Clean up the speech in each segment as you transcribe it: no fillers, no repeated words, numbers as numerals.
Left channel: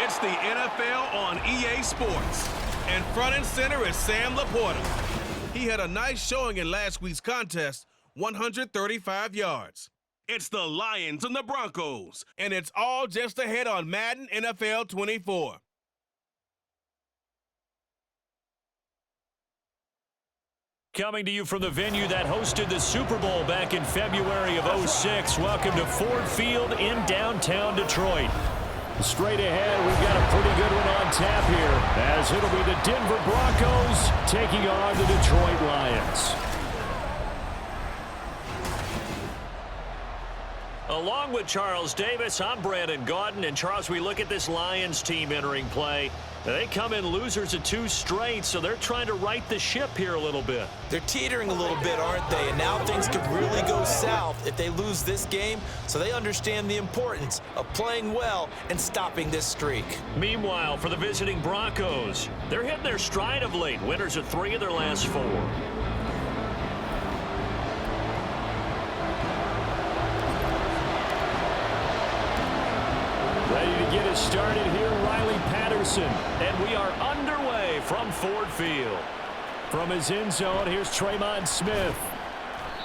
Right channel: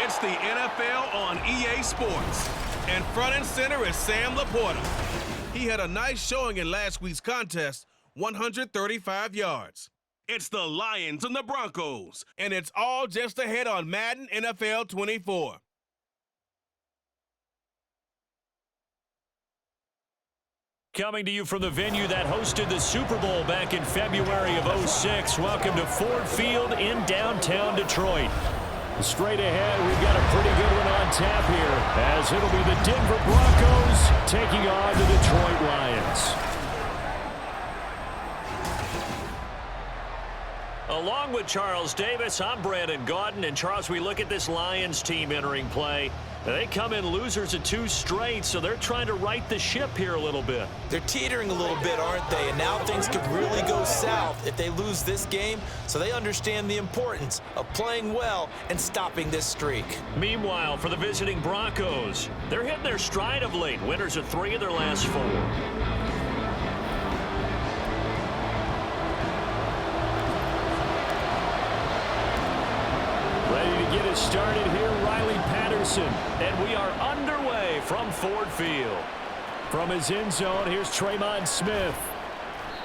It's the NFL on EA Sports. And front and center is Sam Laporta. He had a nice showing in last week's contest, 135 yards. It's the Lions and the Broncos, and it's all just ahead on Madden NFL 24. Coming to you from the venue that hosted the Super Bowl back in February of '06. Welcome to Ford Field in downtown Detroit. Straight ahead, we've got a pretty good one on tap here, as it'll be the Denver Broncos taking on the Detroit Lions. Along with Charles Davis, I'm Brandon Gaudin. And Charles, we look at this Lions team entering play. They come in losers of 2 straight, so they're trying to right the ship here a little bit. They're teetering a little bit, aren't they? And now things could really go south if they lose this game, so they understand the importance of playing well and stopping this streak. Meanwhile, for the visiting Broncos, they're hitting their stride of late. Winners of 3 of their last 4. Ready to get us started here, Riley Patterson. And we are underway from Ford Field. From his end zone, here's Tremon Smith.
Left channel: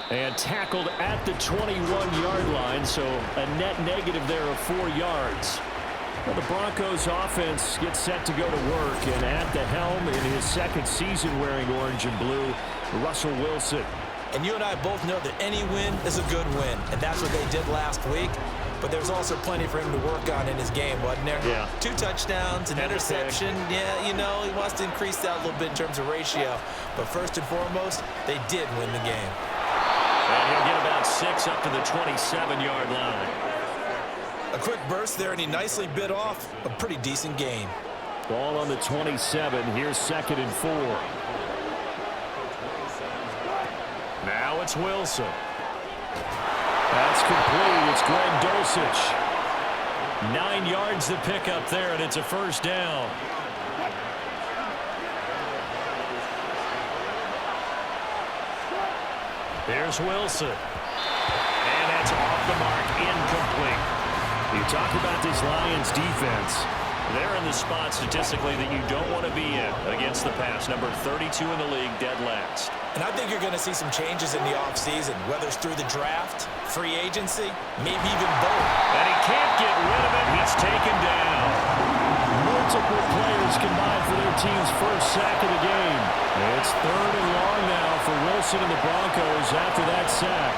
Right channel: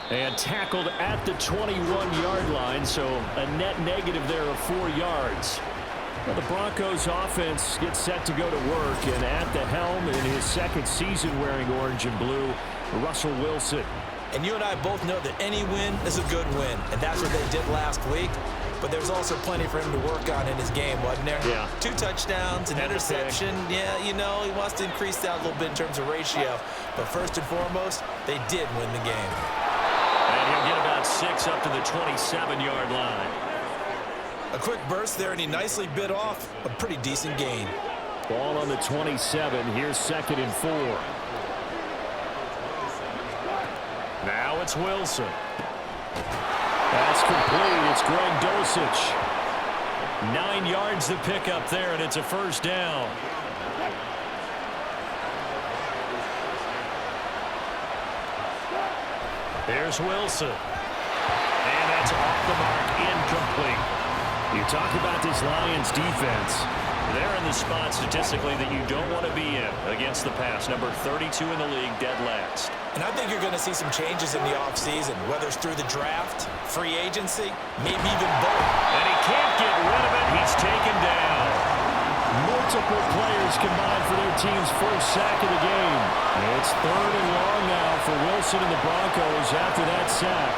And tackled at the 21-yard line, so a net negative there of 4 yards. Well, the Broncos offense gets set to go to work, and at the helm in his second season wearing orange and blue, Russell Wilson. And you and I both know that any win is a good win, and that's what they did last week. But there's also plenty for him to work on in his game, wasn't there? Yeah. 2 touchdowns, an interception. Yeah, you know, he wants to increase that a little bit in terms of ratio. But first and foremost, they did win the game. And he'll get about 6 up to the 27-yard line. A quick burst there, and he nicely bit off a pretty decent gain. Ball on the 27. Here's 2nd and 4. Now it's Wilson. That's complete. It's Greg Dulcich. 9 yards to pick up there, and it's a first down. Here's Wilson. And that's off the mark, incomplete. You talk about this Lions defense. They're in the spot statistically that you don't want to be in against the pass. Number 32 in the league, dead last. And I think you're going to see some changes in the offseason, whether it's through the draft, free agency, maybe even both. And he can't get rid of it. He's taken down. Multiple players combined for their team's first sack of the game. It's 3rd and long now for Wilson and the Broncos after that sack.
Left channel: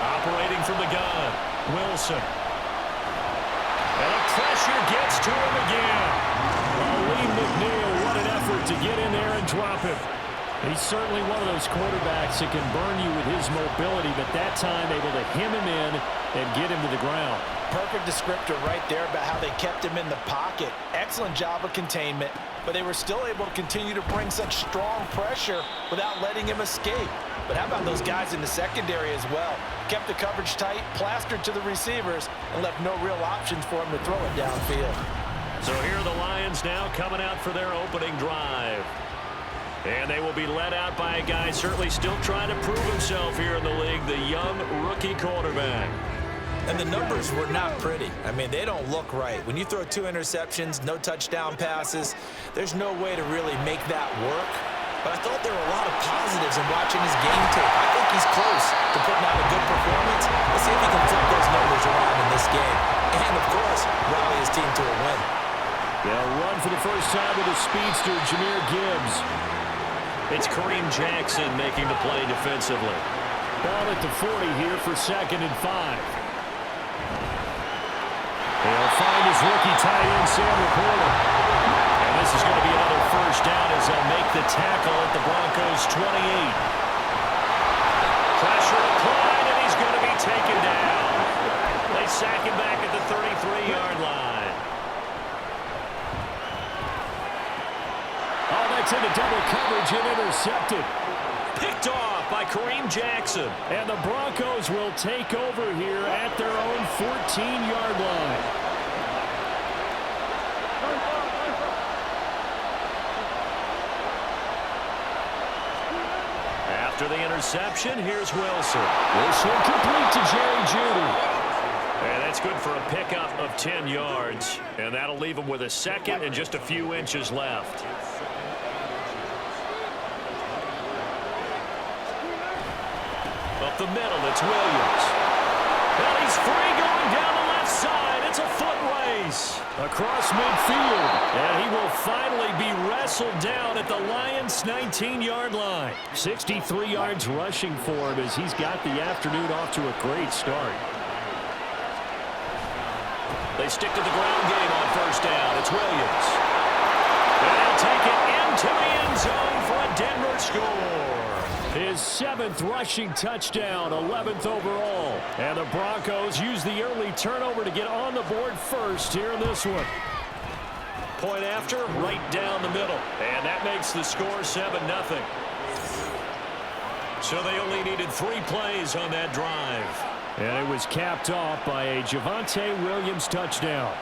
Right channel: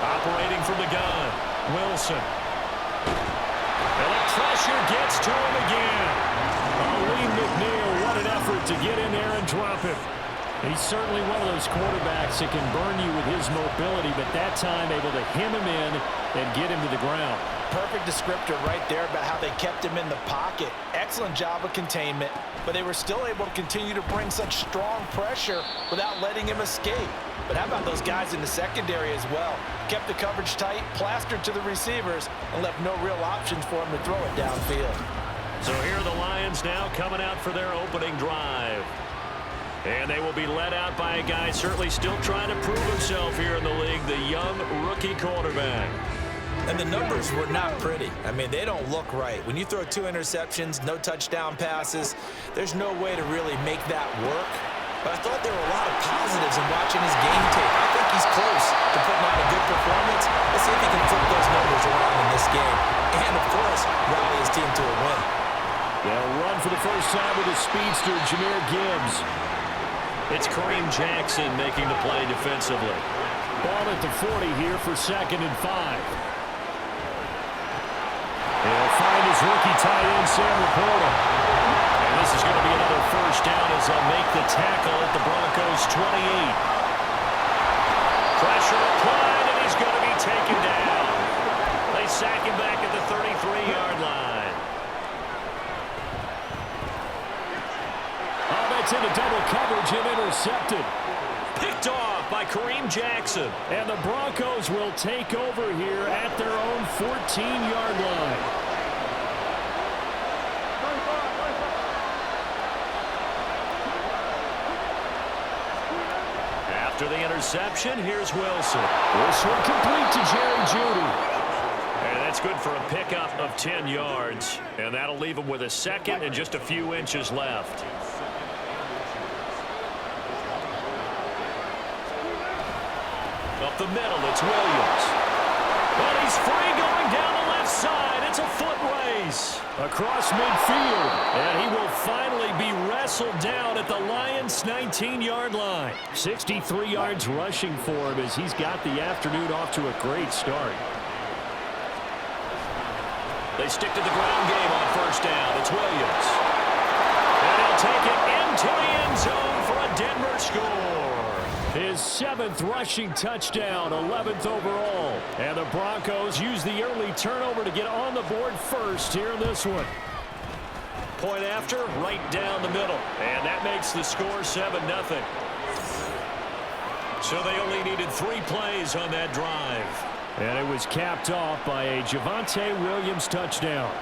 Operating from the gun, Wilson. And the pressure gets to him again. Lee McNeil, what an effort to get in there and drop him. He's certainly one of those quarterbacks that can burn you with his mobility, but that time able to hem him in and get him to the ground. Perfect descriptor right there about how they kept him in the pocket. Excellent job of containment, but they were still able to continue to bring such strong pressure without letting him escape. But how about those guys in the secondary as well? Kept the coverage tight, plastered to the receivers, and left no real options for him to throw it downfield. So here are the Lions now coming out for their opening drive. And they will be led out by a guy certainly still trying to prove himself here in the league, the young rookie quarterback. And the numbers were not pretty. I mean, they don't look right. When you throw 2 interceptions, no touchdown passes, there's no way to really make that work. But I thought there were a lot of positives in watching his game tape. I think he's close to putting out a good performance. Let's see if he can flip those numbers around in this game. And, of course, rally his team to a win. They'll run for the first time with the speedster, Jahmyr Gibbs. It's Kareem Jackson making the play defensively. Ball at the 40 here for 2nd and 5. He'll find his rookie tight end, Sam Laporta. And this is going to be another first down as they'll make the tackle at the Broncos' 28. Pressure applied, and he's going to be taken down. They sack him back at the 33-yard line. Oh, that's into double coverage and intercepted. Picked off by Kareem Jackson. And the Broncos will take over here at their own 14-yard line. After the interception, here's Wilson. This one complete to Jerry Jeudy. And that's good for a pickup of 10 yards. And that'll leave him with a second and just a few inches left. Up the middle, it's Williams. And he's free going down the left side. It's a foot race across midfield. And he will finally be wrestled down at the Lions' 19-yard line. 63 yards rushing for him as he's got the afternoon off to a great start. They stick to the ground game on first down. It's Williams. And he'll take it into the end zone for a Denver score. His 7th rushing touchdown, 11th overall. And the Broncos use the early turnover to get on the board first here in this one. Point after, right down the middle. And that makes the score 7-0. So they only needed 3 plays on that drive. And it was capped off by a Javonte Williams touchdown.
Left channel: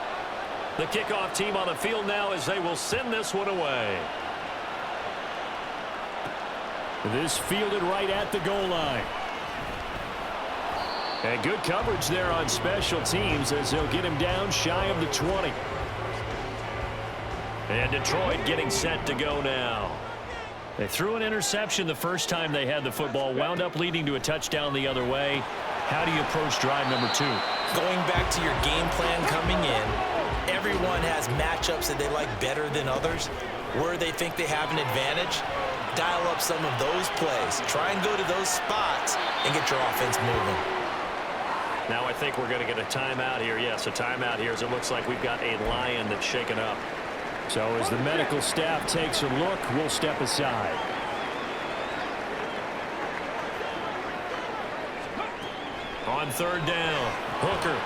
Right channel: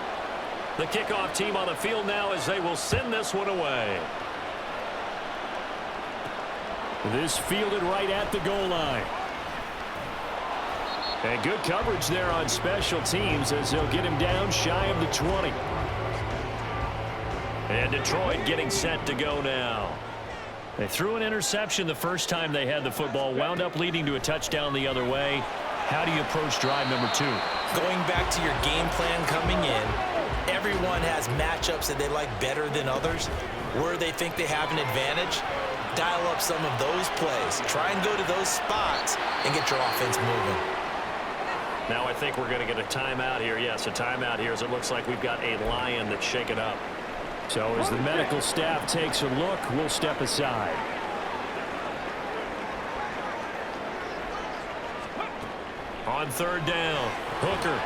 The kickoff team on the field now as they will send this one away. This fielded right at the goal line. And good coverage there on special teams as they'll get him down shy of the 20. And Detroit getting set to go now. They threw an interception the first time they had the football, wound up leading to a touchdown the other way. How do you approach drive number 2? Going back to your game plan coming in, everyone has matchups that they like better than others. Where they think they have an advantage, dial up some of those plays. Try and go to those spots and get your offense moving. Now I think we're going to get a timeout here. Yes, a timeout here as it looks like we've got a Lion that's shaken up. So as the medical staff takes a look, we'll step aside. On third down, Hooker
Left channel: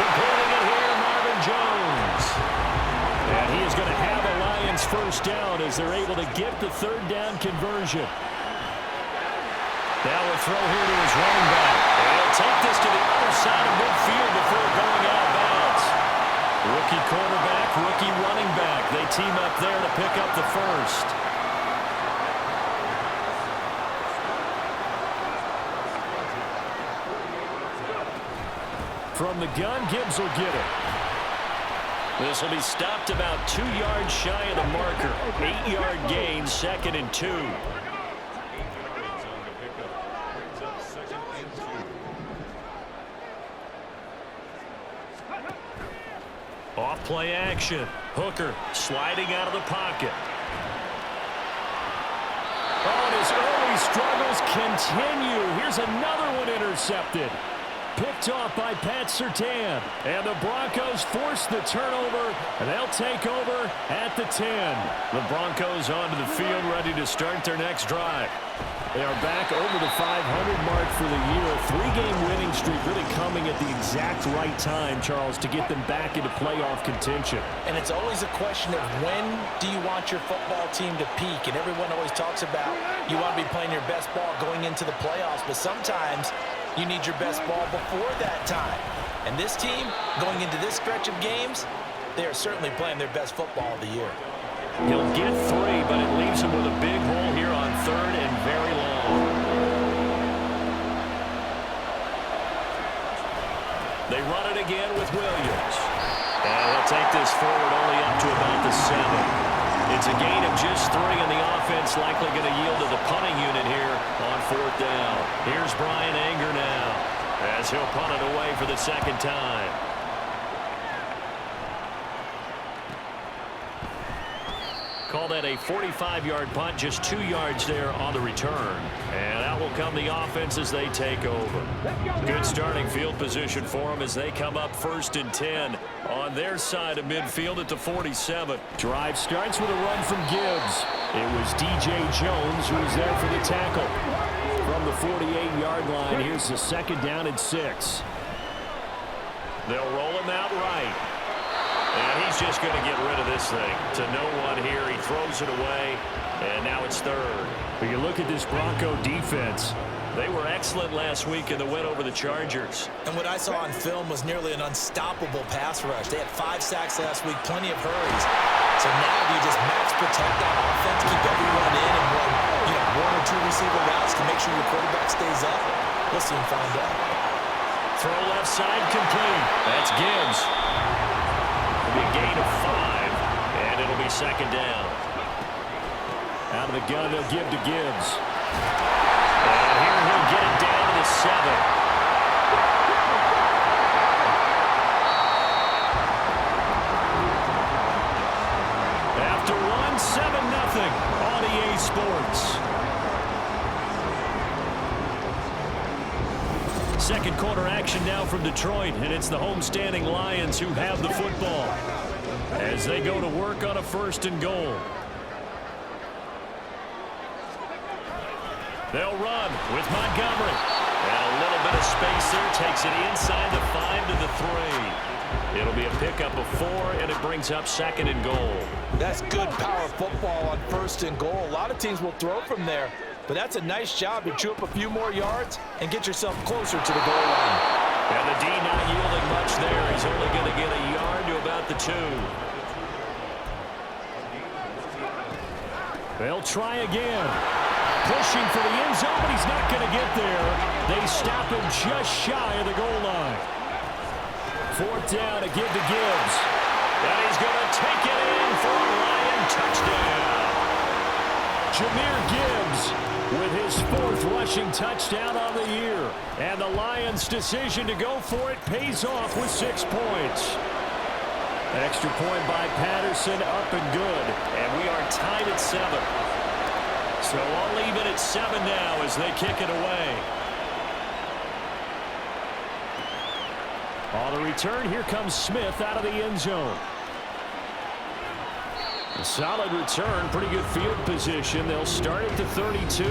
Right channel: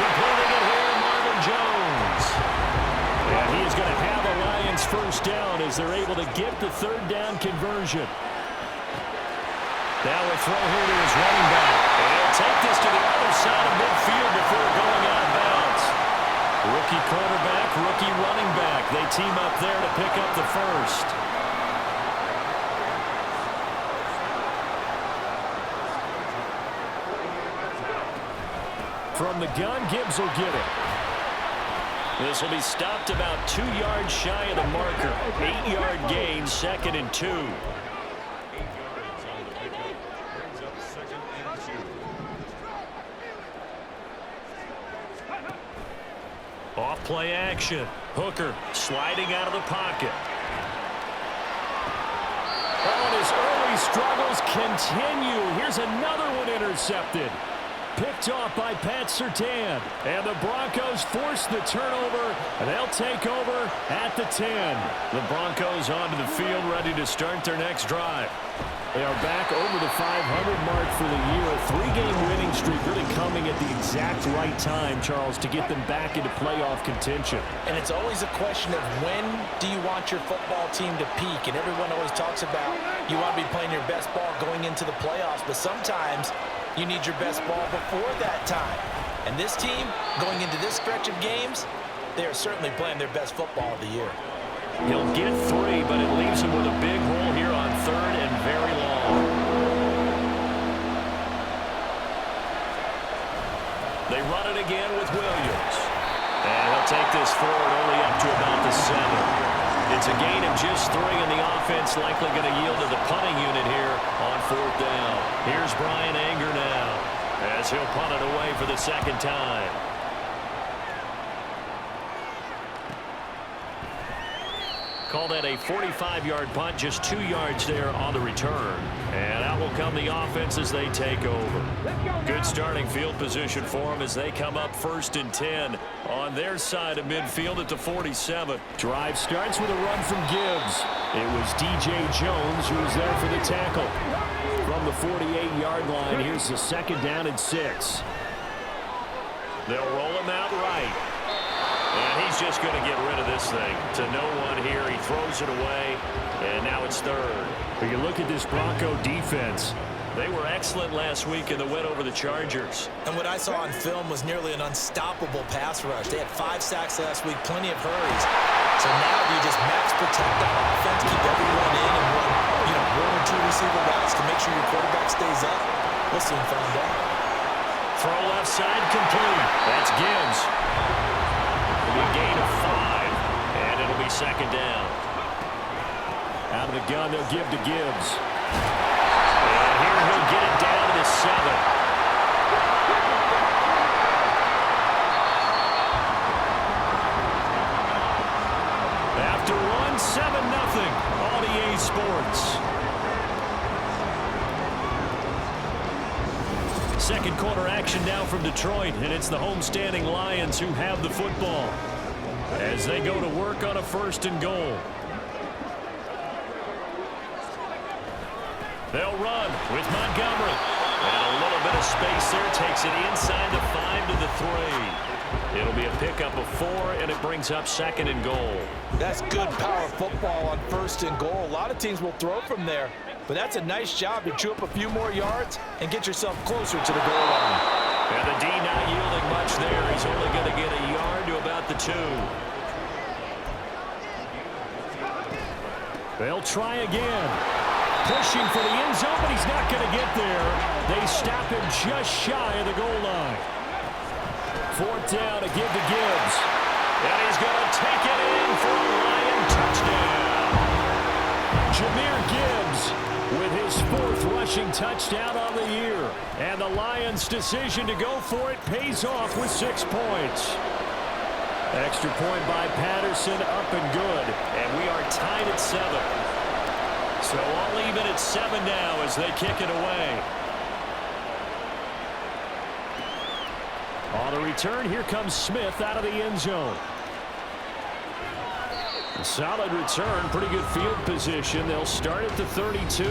completing it here to Marvin Jones. And he is going to have a Lions first down as they're able to get the third down conversion. Now a throw here to his running back. And he'll take this to the other side of midfield before going out of bounds. Rookie quarterback, rookie running back. They team up there to pick up the first. From the gun, Gibbs will get it. This will be stopped about 2 yards shy of the marker. 8-yard gain, 2nd and 2. Off play action. Hooker sliding out of the pocket. Oh, and his early struggles continue. Here's another one intercepted. Picked off by Pat Surtain. And the Broncos force the turnover, and they'll take over at the 10. The Broncos onto the field ready to start their next drive. They are back over the 500 mark for the year. A 3-game winning streak really coming at the exact right time, Charles, to get them back into playoff contention. And it's always a question of when do you want your football team to peak? And everyone always talks about you want to be playing your best ball going into the playoffs, but sometimes you need your best ball before that time. And this team, going into this stretch of games, they are certainly playing their best football of the year. He'll get 3, but it leaves him with a big hole here on 3rd and very long. They run it again with Williams. And he'll take this forward only up to about the 7. It's a gain of just 3, and the offense likely going to yield to the punting unit here on 4th down. Here's Brian Anger now as he'll punt it away for the 2nd time. Call that a 45-yard punt, just 2 yards there on the return. And out will come the offense as they take over. Good starting field position for them as they come up 1st and 10 on their side of midfield at the 47. Drive starts with a run from Gibbs. It was DJ Jones who was there for the tackle. From the 48-yard line, here's the 2nd down and 6. They'll roll him out right. And he's just going to get rid of this thing to no one here. He throws it away, and now it's 3rd. But you look at this Bronco defense. They were excellent last week in the win over the Chargers. And what I saw on film was nearly an unstoppable pass rush. They had 5 sacks last week, plenty of hurries. So now do you just max protect on offense, keep everyone in, and run 1 or 2 receiver routes to make sure your quarterback stays up? We'll soon find out. throw left side complete. That's Gibbs. It'll be a gain of 5, and it'll be second down. Out of the gun, they'll give to Gibbs. And here he'll get it down to the 7. After one, 7-0 on EA Sports. Second quarter action now from Detroit, and it's the homestanding Lions who have the football as they go to work on a 1st and goal. They'll run with Montgomery. And a little bit of space there. Takes it inside the 5 to the 3. It'll be a pickup of 4, and it brings up 2nd and goal. That's good power football on 1st and goal. A lot of teams will throw from there, but that's a nice job to chew up a few more yards and get yourself closer to the goal line. And the D not yielding much there. He's only going to get a yard to about the 2. They'll try again. Pushing for the end zone, but he's not going to get there. They stop him just shy of the goal line. 4th down to give to Gibbs. And he's going to take it in for a Lion touchdown. Jahmyr Gibbs with his 4th rushing touchdown on the year. And the Lions' decision to go for it pays off with 6 points. Extra point by Patterson, up and good. And we are tied at 7. So all even at 7 now as they kick it away. On the return, here comes Smith out of the end zone. A solid return, pretty good field position. They'll start at the 32.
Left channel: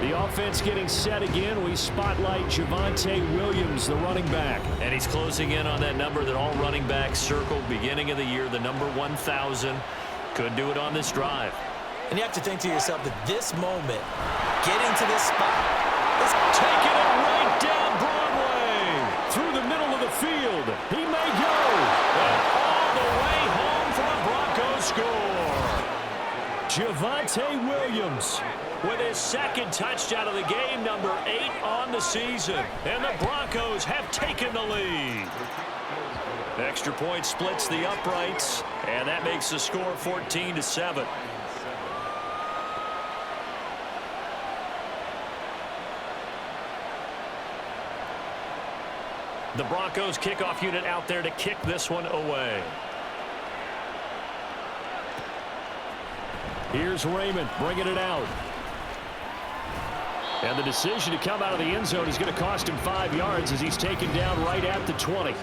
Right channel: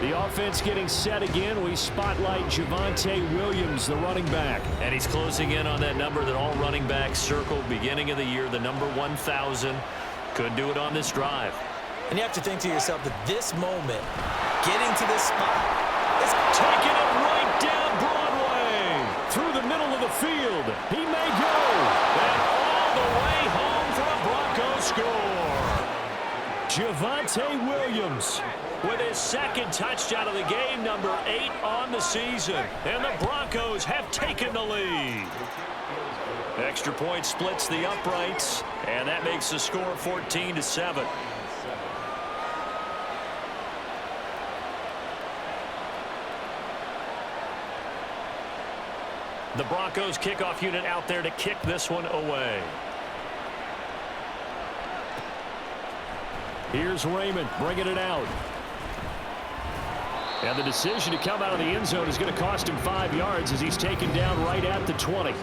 The offense getting set again. We spotlight Javonte Williams, the running back. And he's closing in on that number that all running backs circled beginning of the year, the number 1,000. Could do it on this drive. And you have to think to yourself that this moment, getting to this spot, is taking it right down Broadway. Through the middle of the field. He may go. And all the way home for a Broncos score. Javonte Williams with his 2nd touchdown of the game, number 8 on the season. And the Broncos have taken the lead. Extra point splits the uprights, and that makes the score 14-7. The Broncos kickoff unit out there to kick this one away. Here's Raymond bringing it out. And the decision to come out of the end zone is going to cost him 5 yards as he's taken down right at the 20.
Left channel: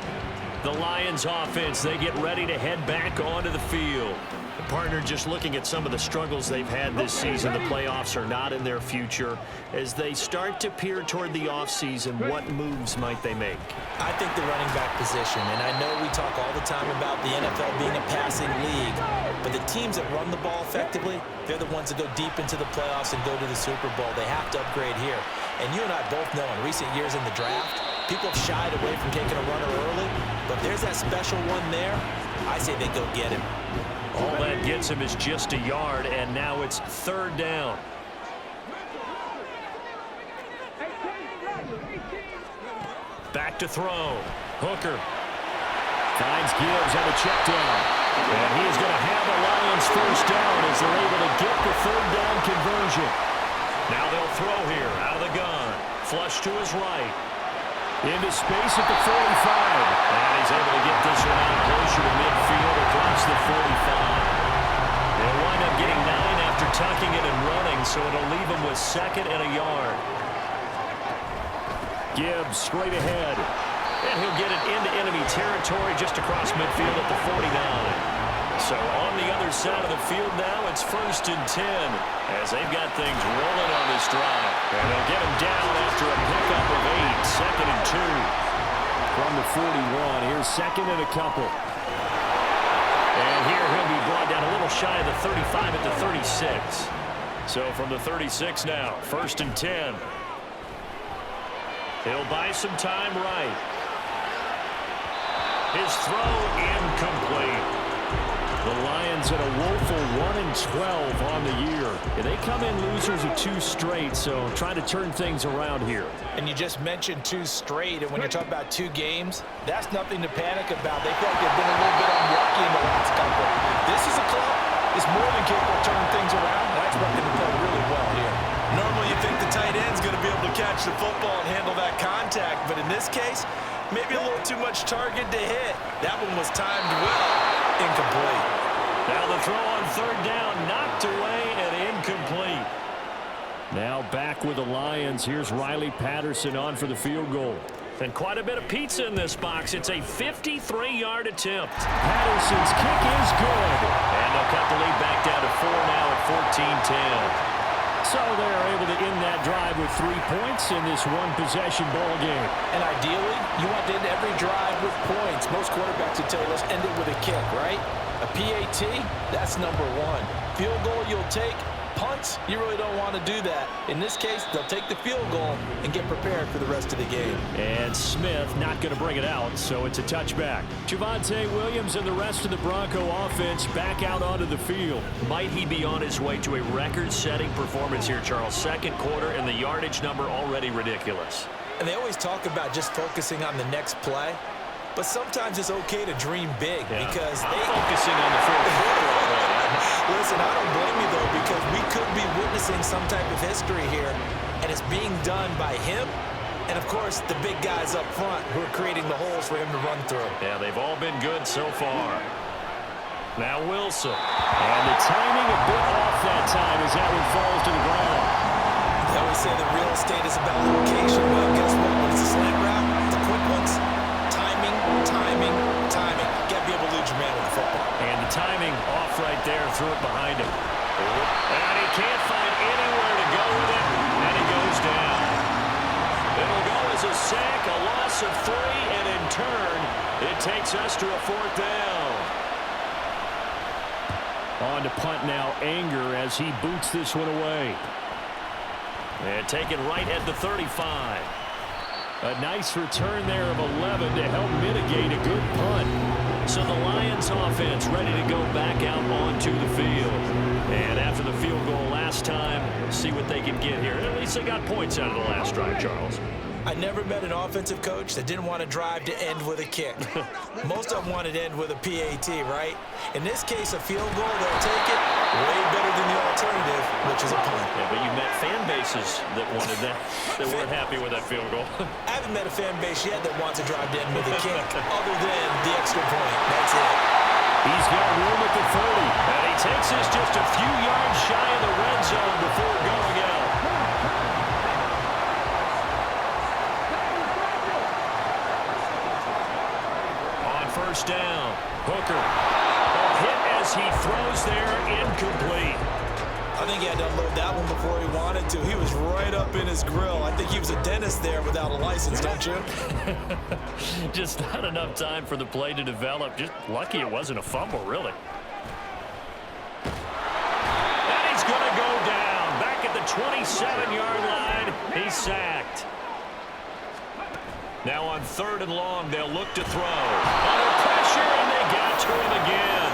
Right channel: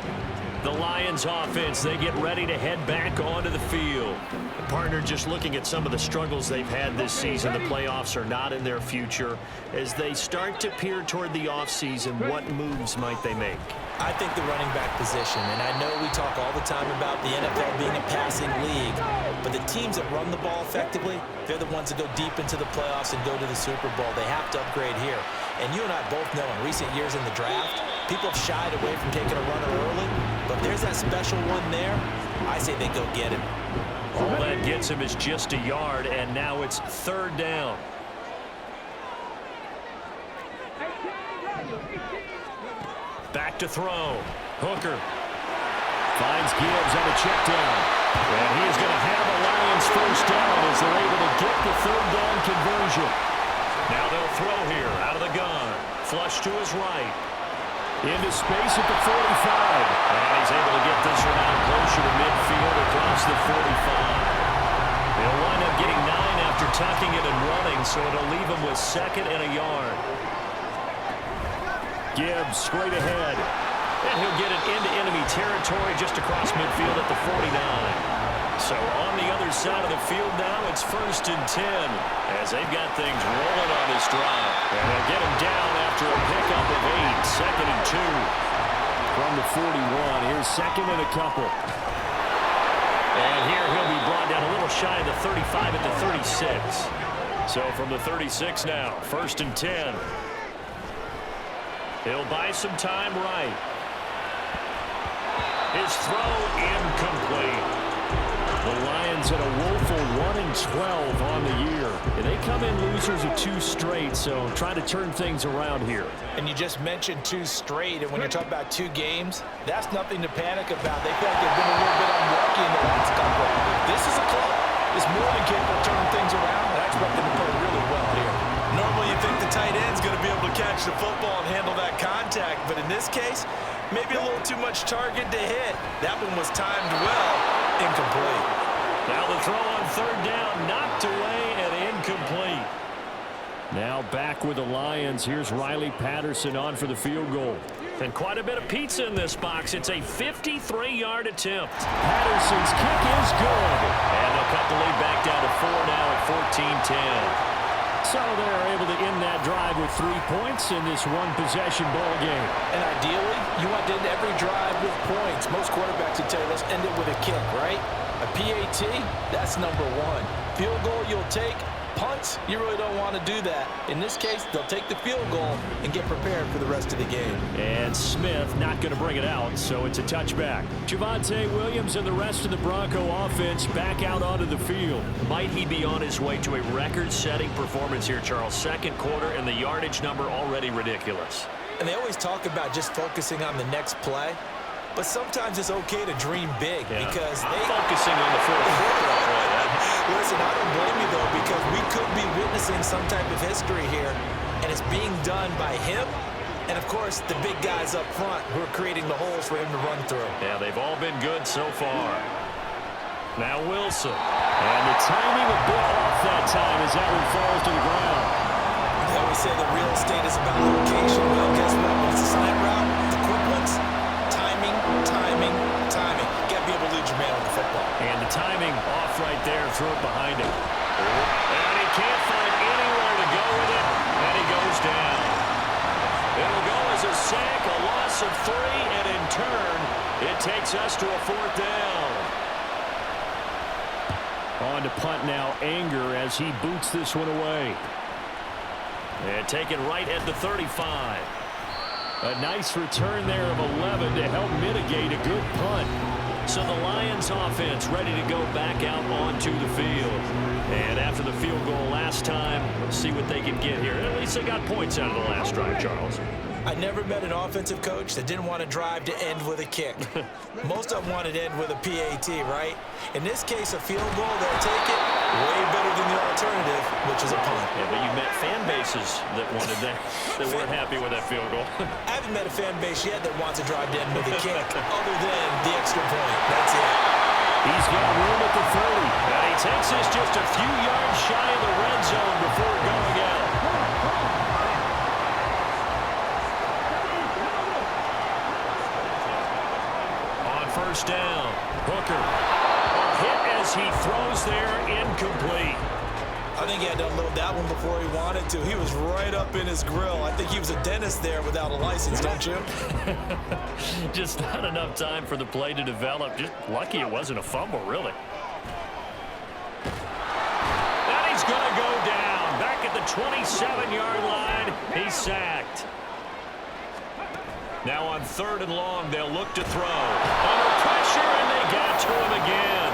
The Lions offense, they get ready to head back onto the field. The partner just looking at some of the struggles they've had this season. The playoffs are not in their future. As they start to peer toward the offseason, what moves might they make? I think the running back position, and I know we talk all the time about the NFL being a passing league, but the teams that run the ball effectively, they're the ones that go deep into the playoffs and go to the Super Bowl. They have to upgrade here. And you and I both know in recent years in the draft, people have shied away from taking a runner early, but if there's that special one there, I say they go get him. All that gets him is just a yard, and now it's 3rd down. Back to throw. Hooker finds Gibbs on the check down. And he is going to have a Lions 1st down as they're able to get the 3rd down conversion. Now they'll throw here out of the gun. Flush to his right. Into space at the 45. And he's able to get this one out closer to midfield across the 45. They'll wind up getting 9 after tucking it and running, so it'll leave them with 2nd and a yard. Gibbs straight ahead. And he'll get it into enemy territory just across midfield at the 49. So on the other side of the field now, it's 1st and 10 as they've got things rolling on this drive. And they'll get him down after a pickup of 8, 2nd and 2. From the 41, here's 2nd and a couple. And here he'll be brought down a little shy of the 35 at the 36. So from the 36 now, 1st and 10. He'll buy some time right. His throw incomplete. The Lions at a woeful 1-12 on the year. And they come in losers of 2 straight, so trying to turn things around here. And you just mentioned 2 straight, and when you're talking about 2 games, that's nothing to panic about. They feel like they've been a little bit unlucky in the last couple. This is a club that's more than capable of turning things around, and I expect them to play really well here. Normally you think the tight end's going to be able to catch the football and handle that contact, but in this case, maybe a little too much target to hit. That one was timed well. Incomplete. Now the throw on 3rd down, knocked away and incomplete. Now back with the Lions. Here's Riley Patterson on for the field goal. And quite a bit of pizza in this box. It's a 53-yard attempt. Patterson's kick is good. And they'll cut the lead back down to 4 now at 14-10. So they're able to end that drive with 3 points in this one-possession ball game. And ideally, you want to end every drive with points. Most quarterbacks would tell you, let's end it with a kick, right? A PAT, that's number 1. Field goal you'll take. Punts, you really don't want to do that. In this case, they'll take the field goal and get prepared for the rest of the game. And Smith not going to bring it out, so it's a touchback. Javonte Williams and the rest of the Bronco offense back out onto the field. Might he be on his way to a record-setting performance here, Charles? 2nd quarter, and the yardage number already ridiculous. And they always talk about just focusing on the next play. But sometimes it's okay to dream big because I'm focusing on the 4th quarter already. Listen, I don't blame you, though, because we could be witnessing some type of history here, and it's being done by him and, of course, the big guys up front who are creating the holes for him to run through. Yeah, they've all been good so far. Now Wilson. And the timing a bit off that time as that one falls to the ground. They always say that real estate is about location. Well, guess what? When it's a slant route, the quick ones, timing, timing, timing. You got to be able to lead your man with the football. And the timing off right there. Throw it behind him. And he can't find anywhere to go with it. And he goes down. It'll go as a sack, a loss of 3, and in turn, it takes us to a 4th down. On to punt now, Anger, as he boots this one away. And taken right at the 35. A nice return there of 11 to help mitigate a good punt. So the Lions offense ready to go back out onto the field. And after the field goal last time, we'll see what they can get here. At least they got points out of the last drive, Charles. I never met an offensive coach that didn't want to drive to end with a kick. Most of them wanted to end with a PAT, right? In this case, a field goal, they'll take it way better than the alternative, which is a punt. Yeah, but you met fan bases that wanted that, that weren't happy with that field goal. I haven't met a fan base yet that wants to drive to end with a kick other than the extra point. That's it. He's got room at the 30. And he takes this just a few yards shy of the red zone before going out. First down. Hooker. Hit as he throws there, incomplete. I think he had to unload that one before he wanted to. He was right up in his grill. I think he was a dentist there without a license, don't you? Just not enough time for the play to develop. Just lucky it wasn't a fumble, really. And he's going to go down. Back at the 27-yard line. He's sacked. Now on 3rd and long, they'll look to throw. Under pressure, and they got to him again.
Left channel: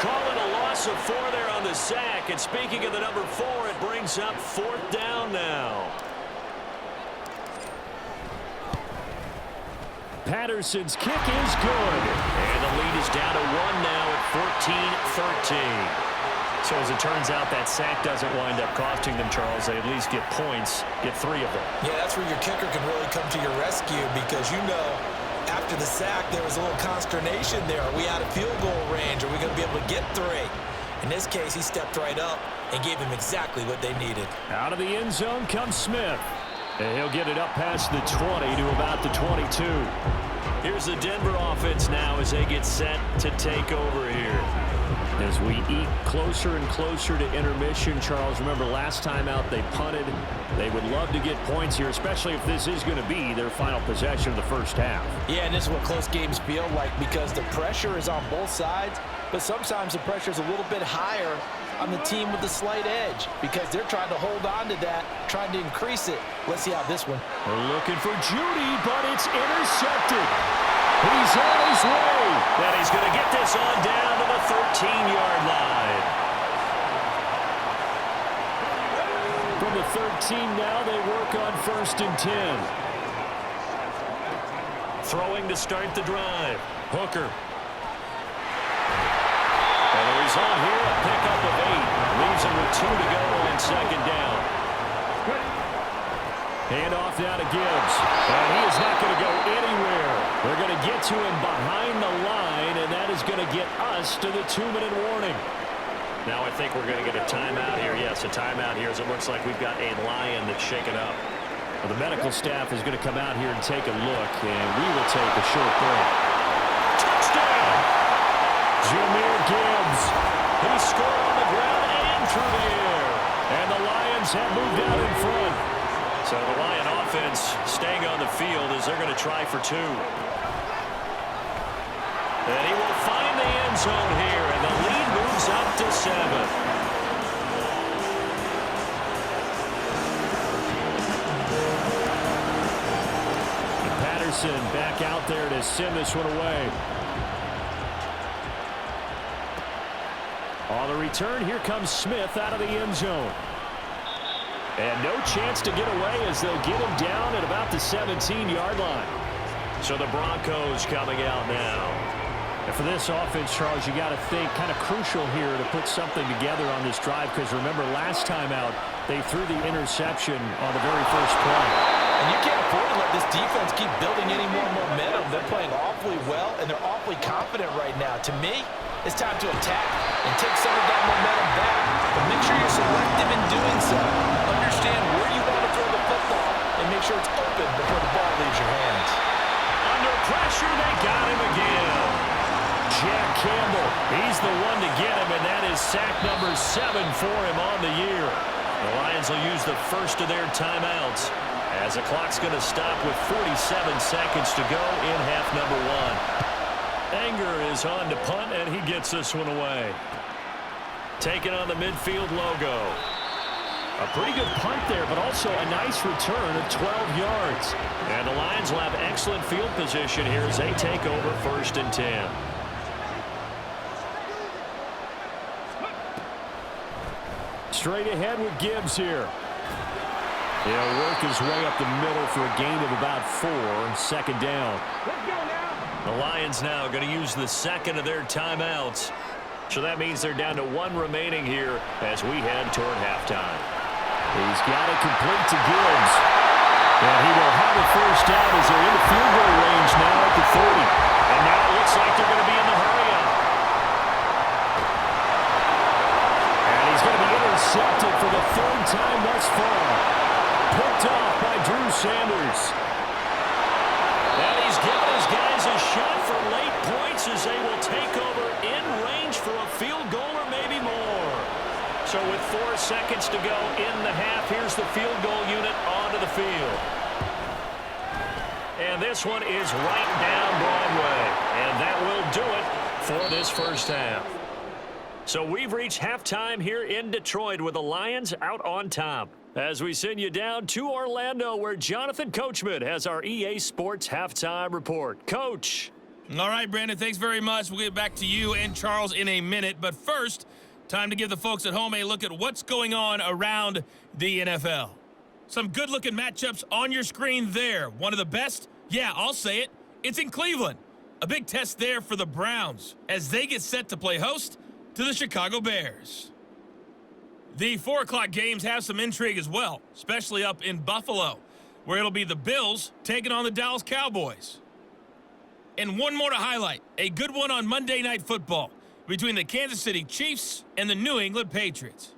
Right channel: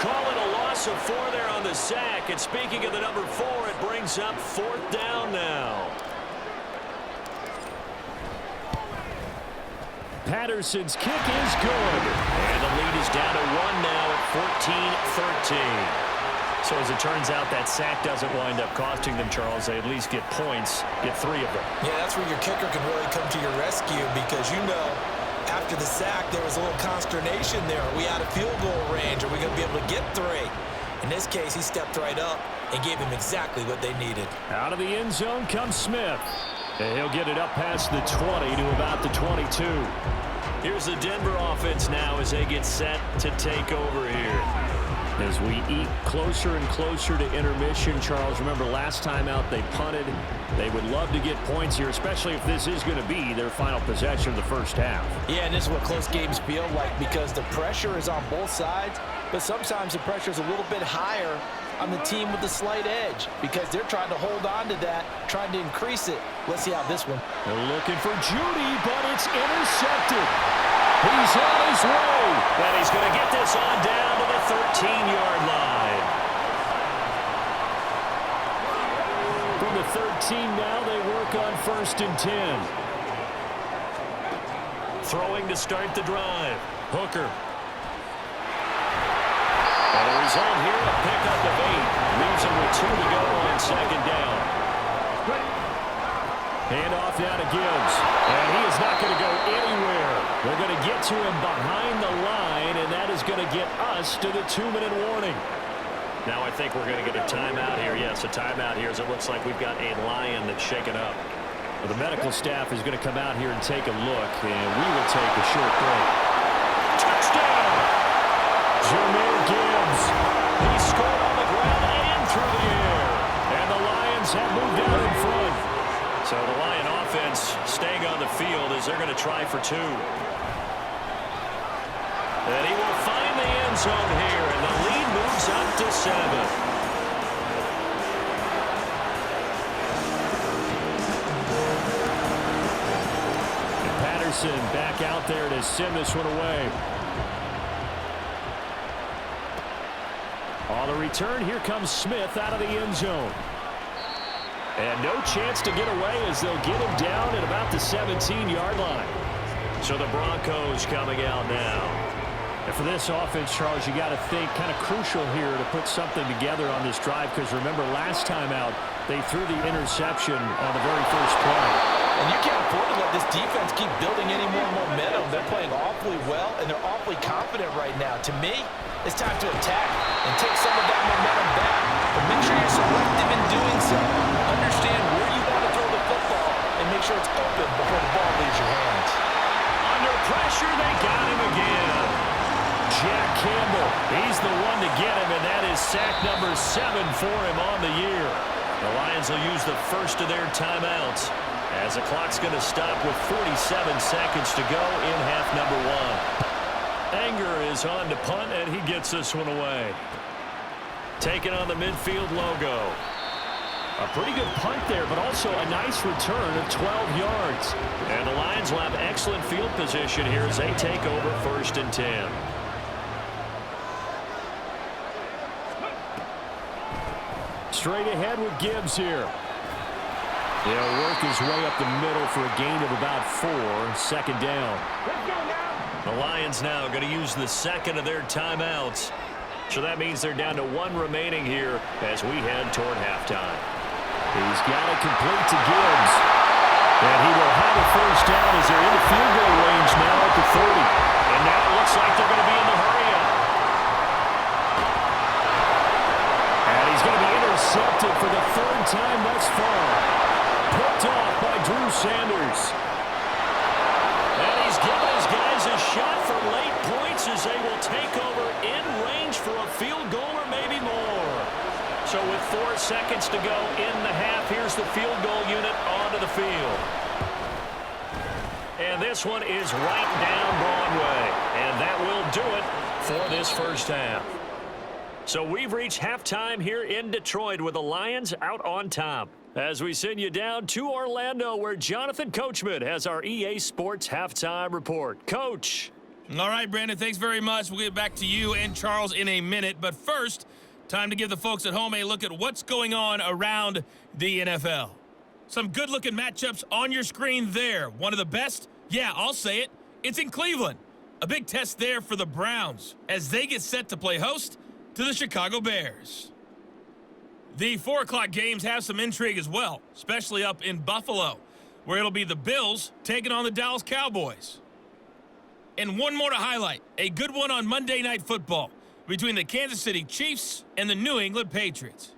Call it a loss of 4 there on the sack. And speaking of the number 4, it brings up 4th down now. Patterson's kick is good. And the lead is down to 1 now at 14-13. So as it turns out, that sack doesn't wind up costing them, Charles. They at least get points, get 3 of them. Yeah, that's where your kicker can really come to your rescue because, you know, after the sack, there was a little consternation there. Are we out of field goal range? Are we going to be able to get 3? In this case, he stepped right up and gave them exactly what they needed. Out of the end zone comes Smith. And he'll get it up past the 20 to about the 22. Here's the Denver offense now as they get set to take over here. As we eat closer and closer to intermission, Charles, remember last time out they punted. They would love to get points here, especially if this is going to be their final possession of the first half. Yeah, and this is what close games feel like because the pressure is on both sides, but sometimes the pressure is a little bit higher on the team with the slight edge because they're trying to hold on to that, trying to increase it. Let's see how this one. They're looking for Judy, but it's intercepted. He's on his way. And he's going to get this on down to the 13-yard line. From the 13 now, they work on 1st and 10. Throwing to start the drive. Hooker. And the result here, a pickup of 8. Leaves him with 2 to go on 2nd down. Handoff now to Gibbs. And he is not going to go anywhere. They're going to get to him behind the line, and that is going to get us to the 2-minute warning. Now I think we're going to get a timeout here. Yes, a timeout here as it looks like we've got a Lion that's shaken up. Well, the medical staff is going to come out here and take a look, and we will take a short break. Touchdown! Jahmyr Gibbs. He scored on the ground and through the air. And the Lions have moved out in front. So the Lion offense staying on the field as they're going to try for 2. And he will find the end zone here, and the lead moves up to 7. Patterson back out there to send this one away. On the return, here comes Smith out of the end zone. And no chance to get away as they'll get him down at about the 17-yard line. So the Broncos coming out now. And for this offense, Charles, you got to think kind of crucial here to put something together on this drive, because remember last time out they threw the interception on the very first play. And you can't afford to let this defense keep building any more momentum. They're playing awfully well, and they're awfully confident right now. To me, it's time to attack and take some of that momentum back. But make sure you're selective in doing so. Understand where you want to throw the football and make sure it's open before the ball leaves your hands. Under pressure, they got him again. Jack Campbell, he's the one to get him, and that is sack number 7 for him on the year. The Lions will use the first of their timeouts as the clock's going to stop with 47 seconds to go in half number 1. Anger is on to punt, and he gets this one away. Taking on the midfield logo. A pretty good punt there, but also a nice return of 12 yards. And the Lions will have excellent field position here as they take over 1st and 10. Straight ahead with Gibbs here. He'll work his way up the middle for a gain of about 4. 2nd down. Let's go now. The Lions now going to use the second of their timeouts. So that means they're down to 1 remaining here as we head toward halftime. He's got it complete to Gibbs. And he will have a first down as they're in the field goal range now at the 30. And now it looks like they're going to be in the hurry-up. And he's going to be intercepted for the 3rd time thus far. Picked off by Drew Sanders. And he's given his guys a shot for late points as they will take over in range for a field goal or maybe more. So with 4 seconds to go in the half, here's the field goal unit onto the field. And this one is right down Broadway. And that will do it for this first half. So we've reached halftime here in Detroit with the Lions out on top. As we send you down to Orlando, where Jonathan Coachman has our EA Sports Halftime Report. Coach. All right, Brandon, thanks very much. We'll get back to you and Charles in a minute. But first, time to give the folks at home a look at what's going on around the NFL. Some good-looking matchups on your screen there. One of the best? Yeah, I'll say it. It's in Cleveland. A big test there for the Browns as they get set to play host to the Chicago Bears. The 4 o'clock games have some intrigue as well, especially up in Buffalo, where it'll be the Bills taking on the Dallas Cowboys. And one more to highlight, a good one on Monday Night Football between the Kansas City Chiefs and the New England Patriots.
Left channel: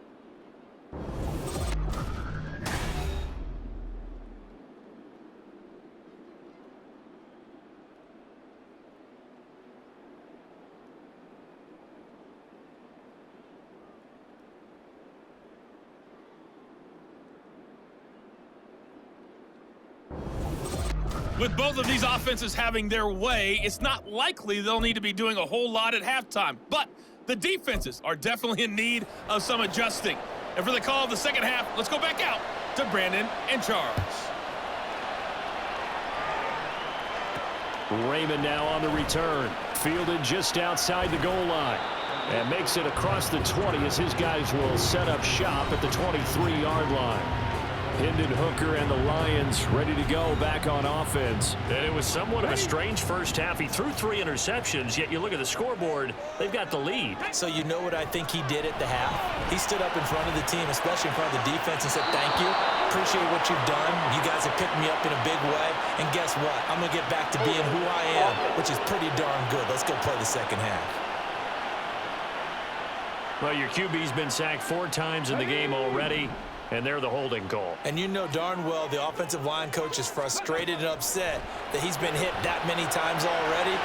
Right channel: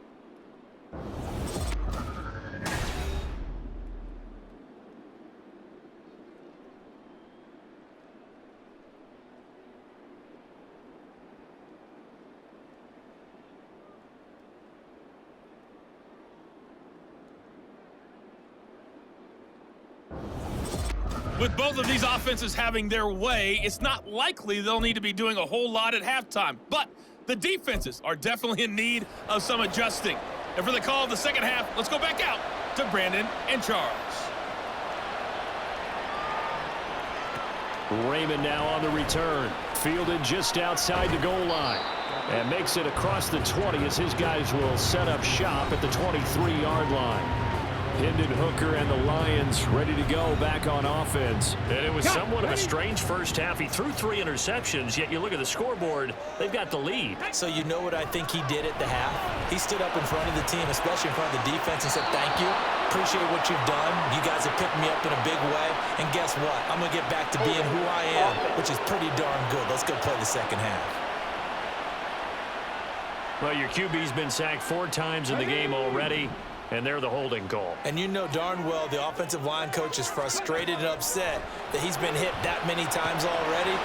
With both of these offenses having their way, it's not likely they'll need to be doing a whole lot at halftime. But the defenses are definitely in need of some adjusting. And for the call of the second half, let's go back out to Brandon and Charles. Raymond now on the return. Fielded just outside the goal line. And makes it across the 20 as his guys will set up shop at the 23-yard line. Hendon Hooker and the Lions ready to go back on offense. And it was somewhat of a strange first half. He threw 3 interceptions, yet you look at the scoreboard, they've got the lead. So you know what I think he did at the half? He stood up in front of the team, especially in front of the defense, and said, thank you. Appreciate what you've done. You guys have picked me up in a big way. And guess what? I'm going to get back to being who I am, which is pretty darn good. Let's go play the second half. Well, your QB's been sacked 4 times in the game already, and they're the holding call. And you know darn well the offensive line coach is frustrated and upset that he's been hit that many times already.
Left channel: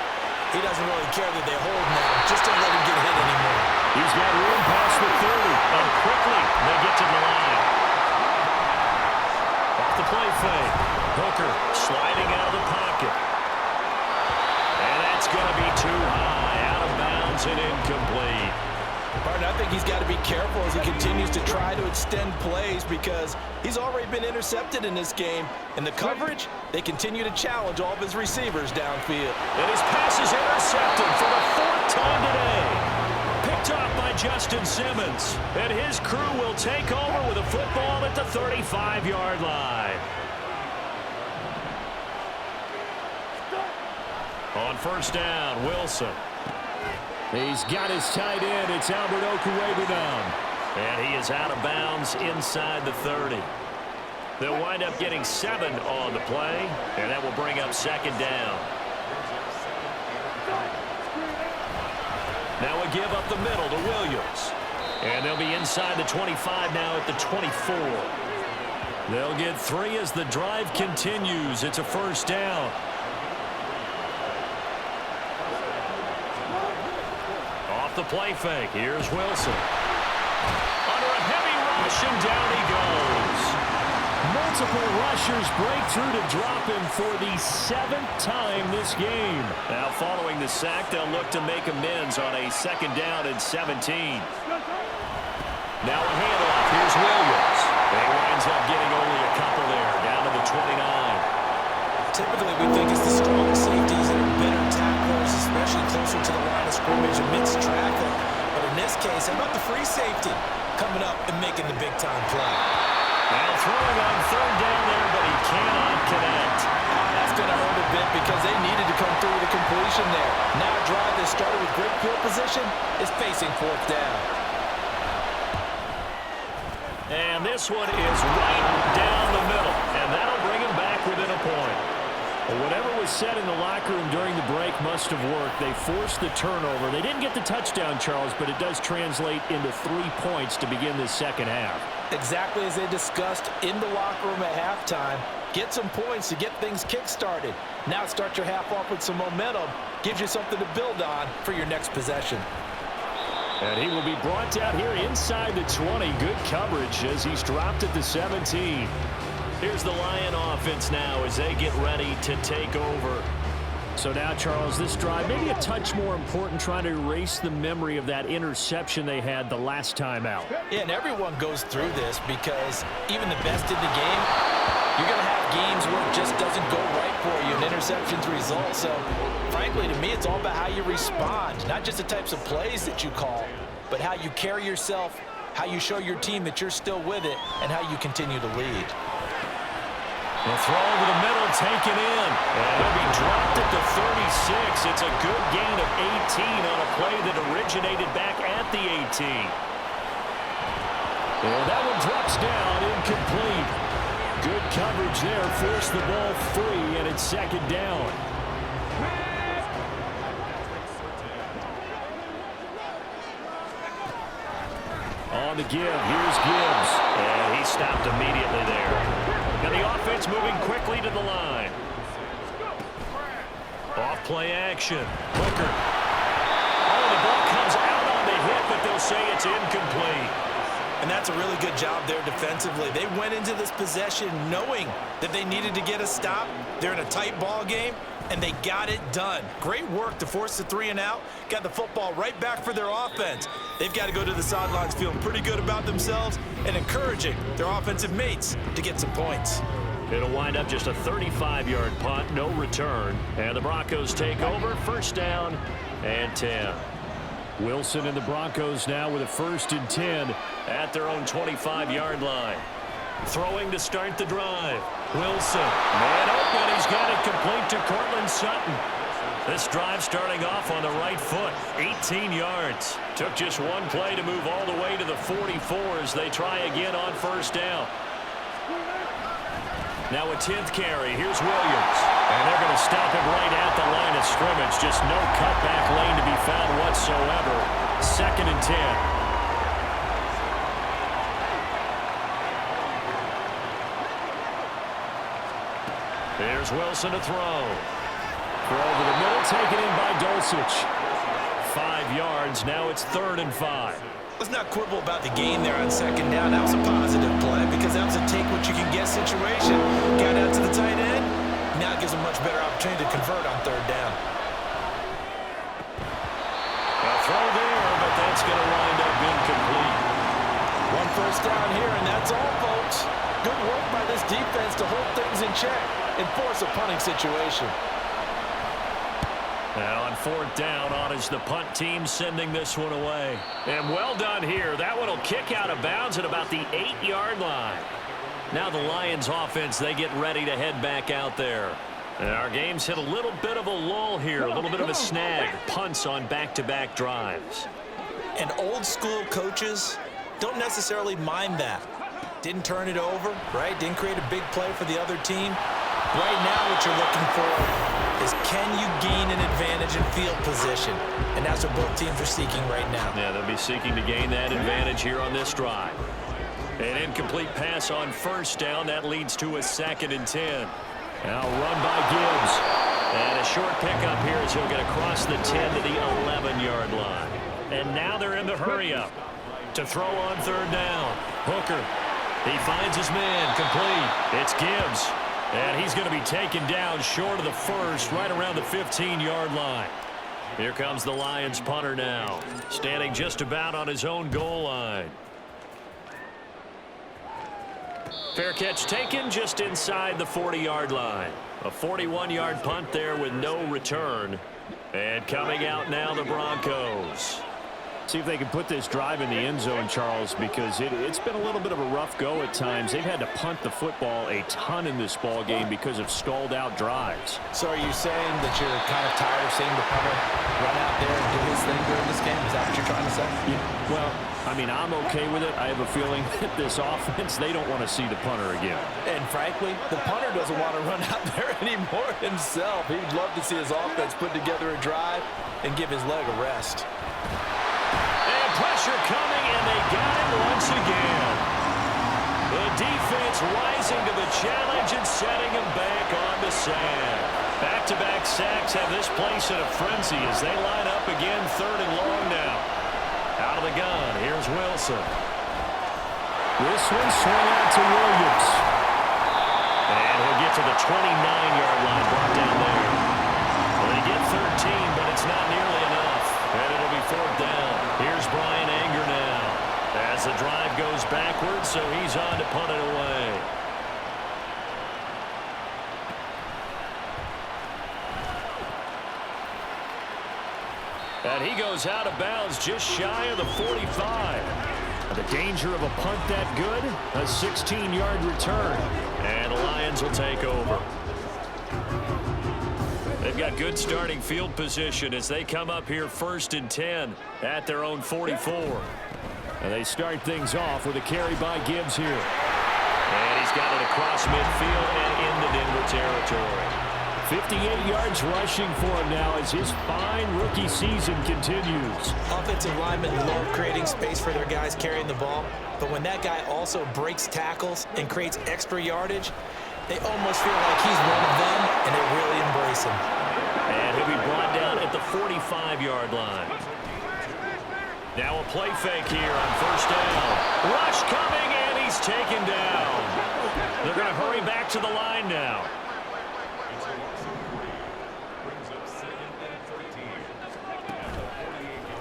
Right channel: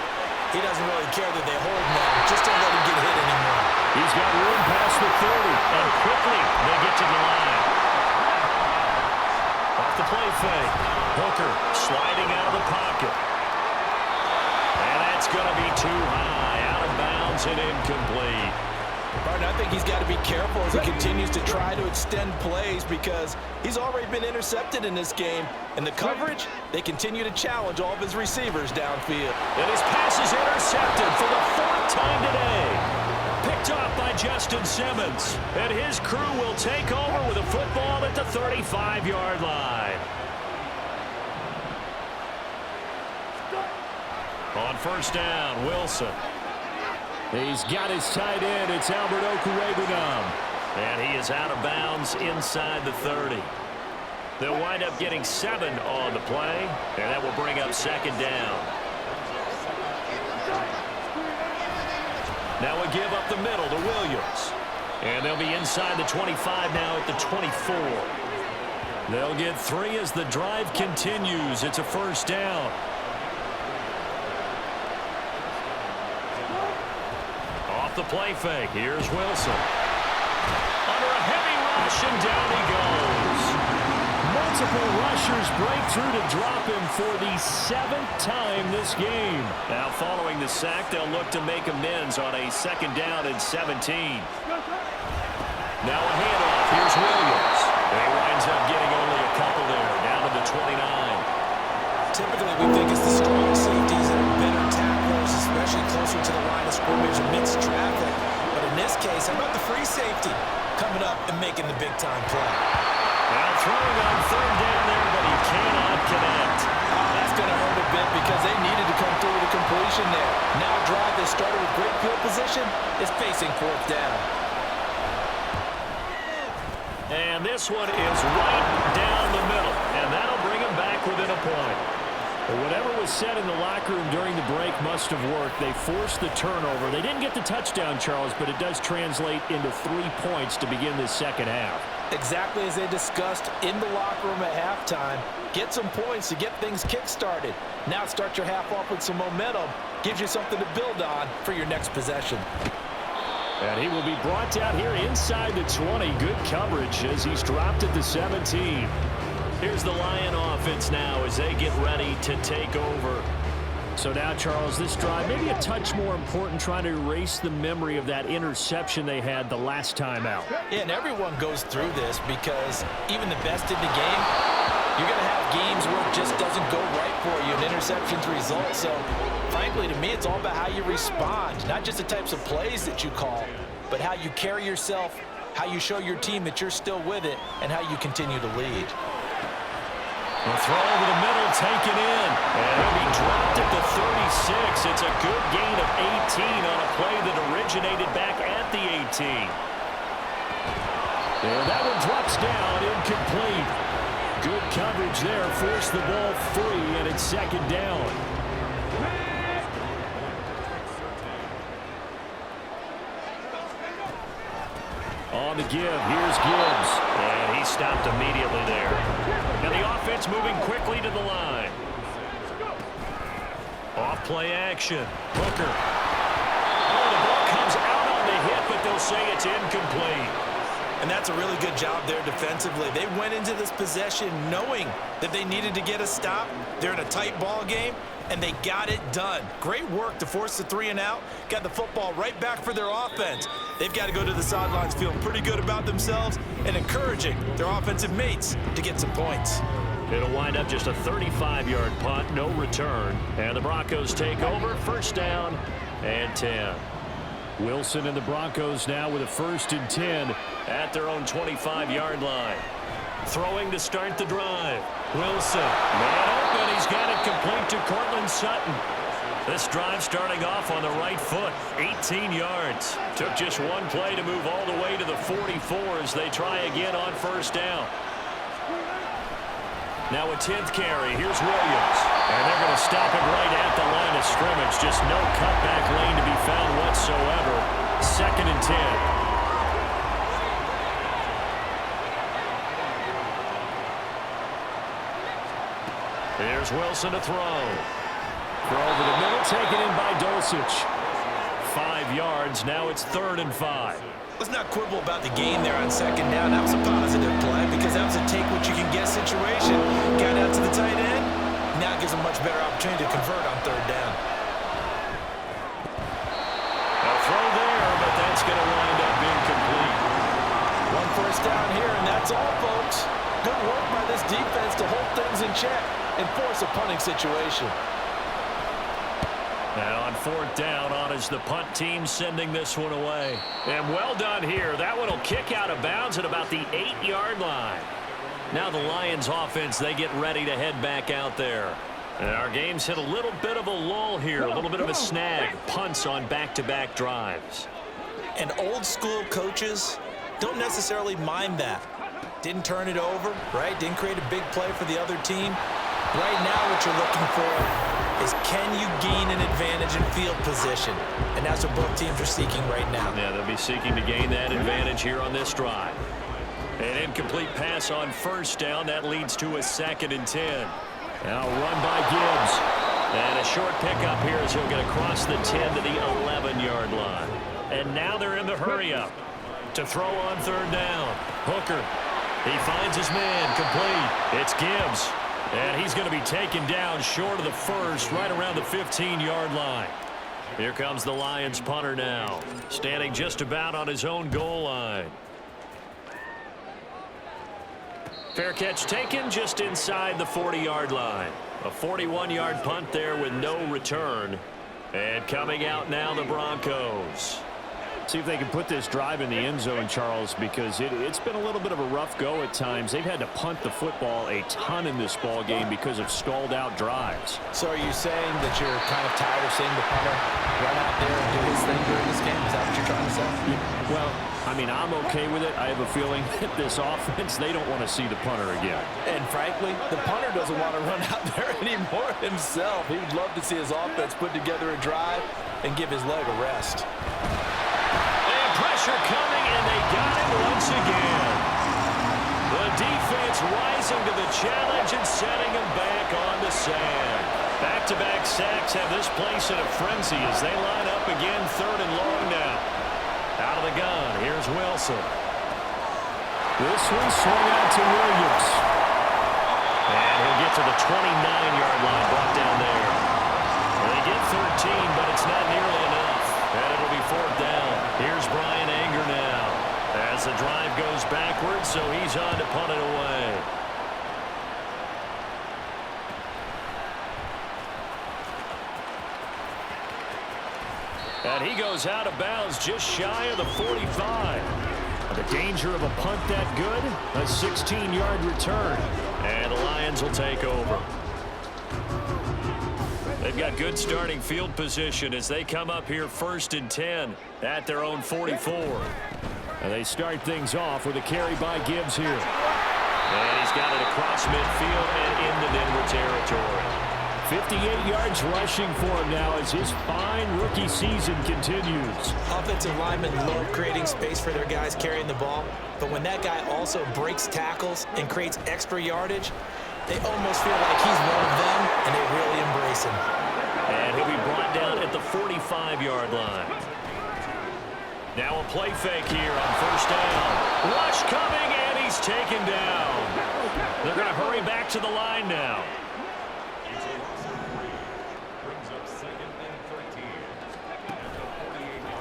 He doesn't really care that they hold now. Just don't let him get hit anymore. He's got room past the 30. And quickly they get to the line. Off the play fake. Hooker sliding out of the pocket. And that's going to be too high. Out of bounds and incomplete. Martin, I think he's got to be careful as he continues to try to extend plays because he's already been intercepted in this game. And the coverage, they continue to challenge all of his receivers downfield. And his pass is intercepted for the 4th time today. Picked off by Justin Simmons. And his crew will take over with a football at the 35-yard line. On first down, Wilson. He's got his tight end. It's Albert Okwuegbunam. And he is out of bounds inside the 30. They'll wind up getting 7 on the play, and that will bring up second down. Now a give up the middle to Williams. And they'll be inside the 25 now at the 24. They'll get 3 as the drive continues. It's a first down. Off the play fake. Here's Wilson. Under a heavy rush, and down he goes. Multiple rushers break through to drop him for the 7th time this game. Now following the sack, they'll look to make amends on a second down and 17. Now a handoff. Here's Williams. And he winds up getting only a couple there, down to the 29. Typically, we think it's the strong safeties that are better tacklers, especially closer to the line of scrimmage amidst traffic. But in this case, how about the free safety coming up and making the big-time play? Now throwing on third down there, but he cannot connect. Oh, that's going to hurt a bit because they needed to come through with a completion there. Now a drive that started with great field position is facing 4th down. And this one is right down the middle, and that'll bring him back within a point. Well, whatever was said in the locker room during the break must have worked. They forced the turnover. They didn't get the touchdown, Charles, but it does translate into 3 points to begin this second half. Exactly as they discussed in the locker room at halftime. Get some points to get things kick-started. Now start your half off with some momentum. Gives you something to build on for your next possession. And he will be brought down here inside the 20. Good coverage as he's dropped at the 17. Here's the Lion offense now as they get ready to take over. So now, Charles, this drive maybe a touch more important, trying to erase the memory of that interception they had the last time out. Yeah, and everyone goes through this because even the best in the game, you're going to have games where it just doesn't go right for you, and interceptions result. So, frankly, to me, it's all about how you respond, not just the types of plays that you call, but how you carry yourself, how you show your team that you're still with it, and how you continue to lead. A throw over the middle, taken in. And he'll be dropped at the 36. It's a good gain of 18 on a play that originated back at the 18. And that one drops down, incomplete. Good coverage there, forced the ball free, and it's second down. On the give, here's Gibbs. And he stopped immediately there. And the offense moving quickly to the line. Off play action. Hooker. Oh, the ball comes out on the hit, but they'll say it's incomplete. And that's a really good job there defensively. They went into this possession knowing that they needed to get a stop. They're in a tight ball game, and they got it done. Great work to force the 3 and out. Got the football right back for their offense. They've got to go to the sidelines feeling pretty good about themselves and encouraging their offensive mates to get some points. It'll wind up just a 35-yard punt, no return. And the Broncos take over, first down and 10. Wilson and the Broncos now with a 1st and 10 at their own 25-yard line. Throwing to start the drive. Wilson, man open. He's got it complete to Cortland Sutton. This drive starting off on the right foot, 18 yards. Took just one play to move all the way to the 44 as they try again on 1st down. Now a 10th carry. Here's Williams. And they're going to stop him right at the line of scrimmage. Just no cutback lane to be found whatsoever. 2nd and 10. Here's Wilson to throw. Throw over the middle, taken in by Dulcich. 5 yards. Now it's 3rd and 5. Let's not quibble about the gain there on 2nd down. That was a positive play because that was a take-what-you-can-get situation. Got out to the tight end. Now it gives a much better opportunity to convert on 3rd down. A throw there, but that's going to wind up incomplete. 1 first down here, and that's all, folks. Good work by this defense to hold things in check and force a punting situation. And on 4th down, on is the punt team sending this one away. And well done here. That one will kick out of bounds at about the 8-yard line. Now the Lions offense, they get ready to head back out there. And our game's hit a little bit of a lull here, a little bit of a snag. Punts on back-to-back drives. And old school coaches don't necessarily mind that. Didn't turn it over, right? Didn't create a big play for the other team. Right now what you're looking for is can you gain an advantage in field position? And that's what both teams are seeking right now. Yeah, they'll be seeking to gain that advantage here on this drive. An incomplete pass on 1st down. That leads to a 2nd and 10. Now run by Gibbs. And a short pickup here as he'll get across the 10 to the 11-yard line. And now they're in the hurry-up to throw on 3rd down. Hooker. He finds his man. Complete. It's Gibbs. And he's going to be taken down short of the 1st, right around the 15-yard line. Here comes the Lions punter now, standing just about on his own goal line. Fair catch taken just inside the 40-yard line. A 41-yard punt there with no return. And coming out now, the Broncos. See if they can put this drive in the end zone, Charles, because it's been a little bit of a rough go at times. They've had to punt the football a ton in this ball game because of stalled out drives. So are you saying that you're kind of tired of seeing the punter run out there and do his thing during this game? Is that what you're trying to say? Yeah, well, I mean, I'm okay with it. I have a feeling that this offense, they don't want to see the punter again. And frankly, the punter doesn't want to run out there anymore himself. He'd love to see his offense put together a drive and give his leg a rest. Pressure coming, and they got him once again. The defense rising to the challenge and setting him back on the sack. Back-to-back sacks have this place in a frenzy as they line up again 3rd and long now. Out of the gun, here's Wilson. This one swung out to Williams. And he'll get to the 29-yard line, brought down there. Well, they get 13, but it's not nearly enough. And it'll be 4th down. Here's Brian Anger now as the drive goes backwards, so he's on to punt it away. And he goes out of bounds just shy of the 45. The danger of a punt that good, a 16-yard return. And the Lions will take over. They've got good starting field position as they come up here 1st and 10 at their own 44. And they start things off with a carry by Gibbs here. And he's got it across midfield and into Denver territory. 58 yards rushing for him now as his fine rookie season continues. Offensive linemen love creating space for their guys carrying the ball, but when that guy also breaks tackles and creates extra yardage, they almost feel like he's one of them, and they really embrace him. And he'll be brought down at the 45-yard line. Now a play fake here on 1st down. Rush coming, and he's taken down. They're going to hurry back to the line now.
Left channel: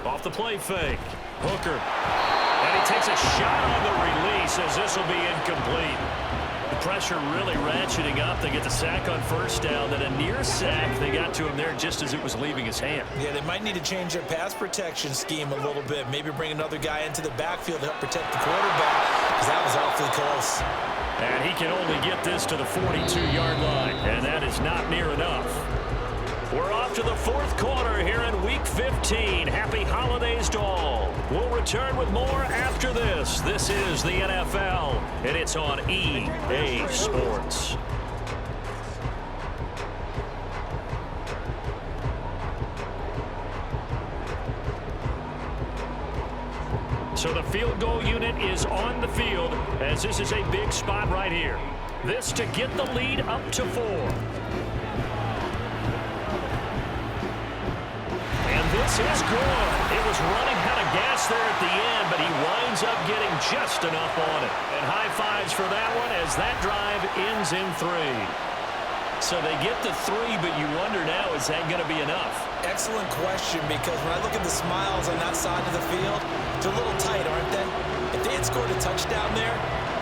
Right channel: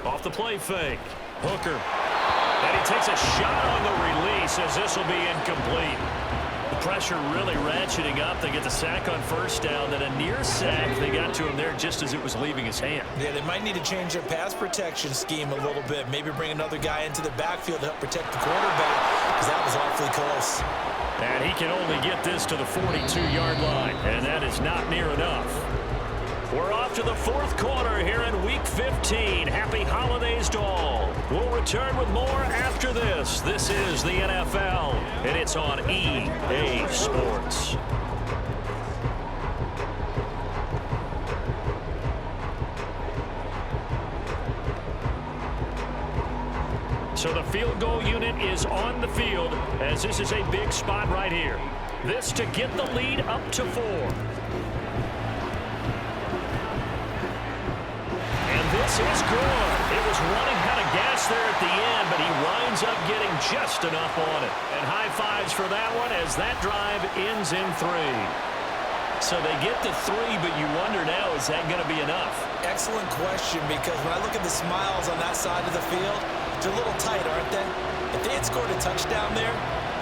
Off the play fake. Hooker. And he takes a shot on the release as this will be incomplete. The pressure really ratcheting up. They get the sack on first down, then a near sack. They got to him there just as it was leaving his hand. Yeah, they might need to change their pass protection scheme a little bit. Maybe bring another guy into the backfield to help protect the quarterback, because that was awfully close. And he can only get this to the 42-yard line, and that is not near enough. We're off to the fourth quarter here in Week 15. Happy holidays to all. We'll return with more after this. This is the NFL, and it's on EA Sports. So the field goal unit is on the field, as this is a big spot right here. This to get the lead up to 4. This is good. It was running out of gas there at the end, but he winds up getting just enough on it. And high fives for that one as that drive ends in 3. So they get to 3, but you wonder now, is that going to be enough? Excellent question, because when I look at the smiles on that side of the field, they're a little tight, aren't they? If they had scored a touchdown there,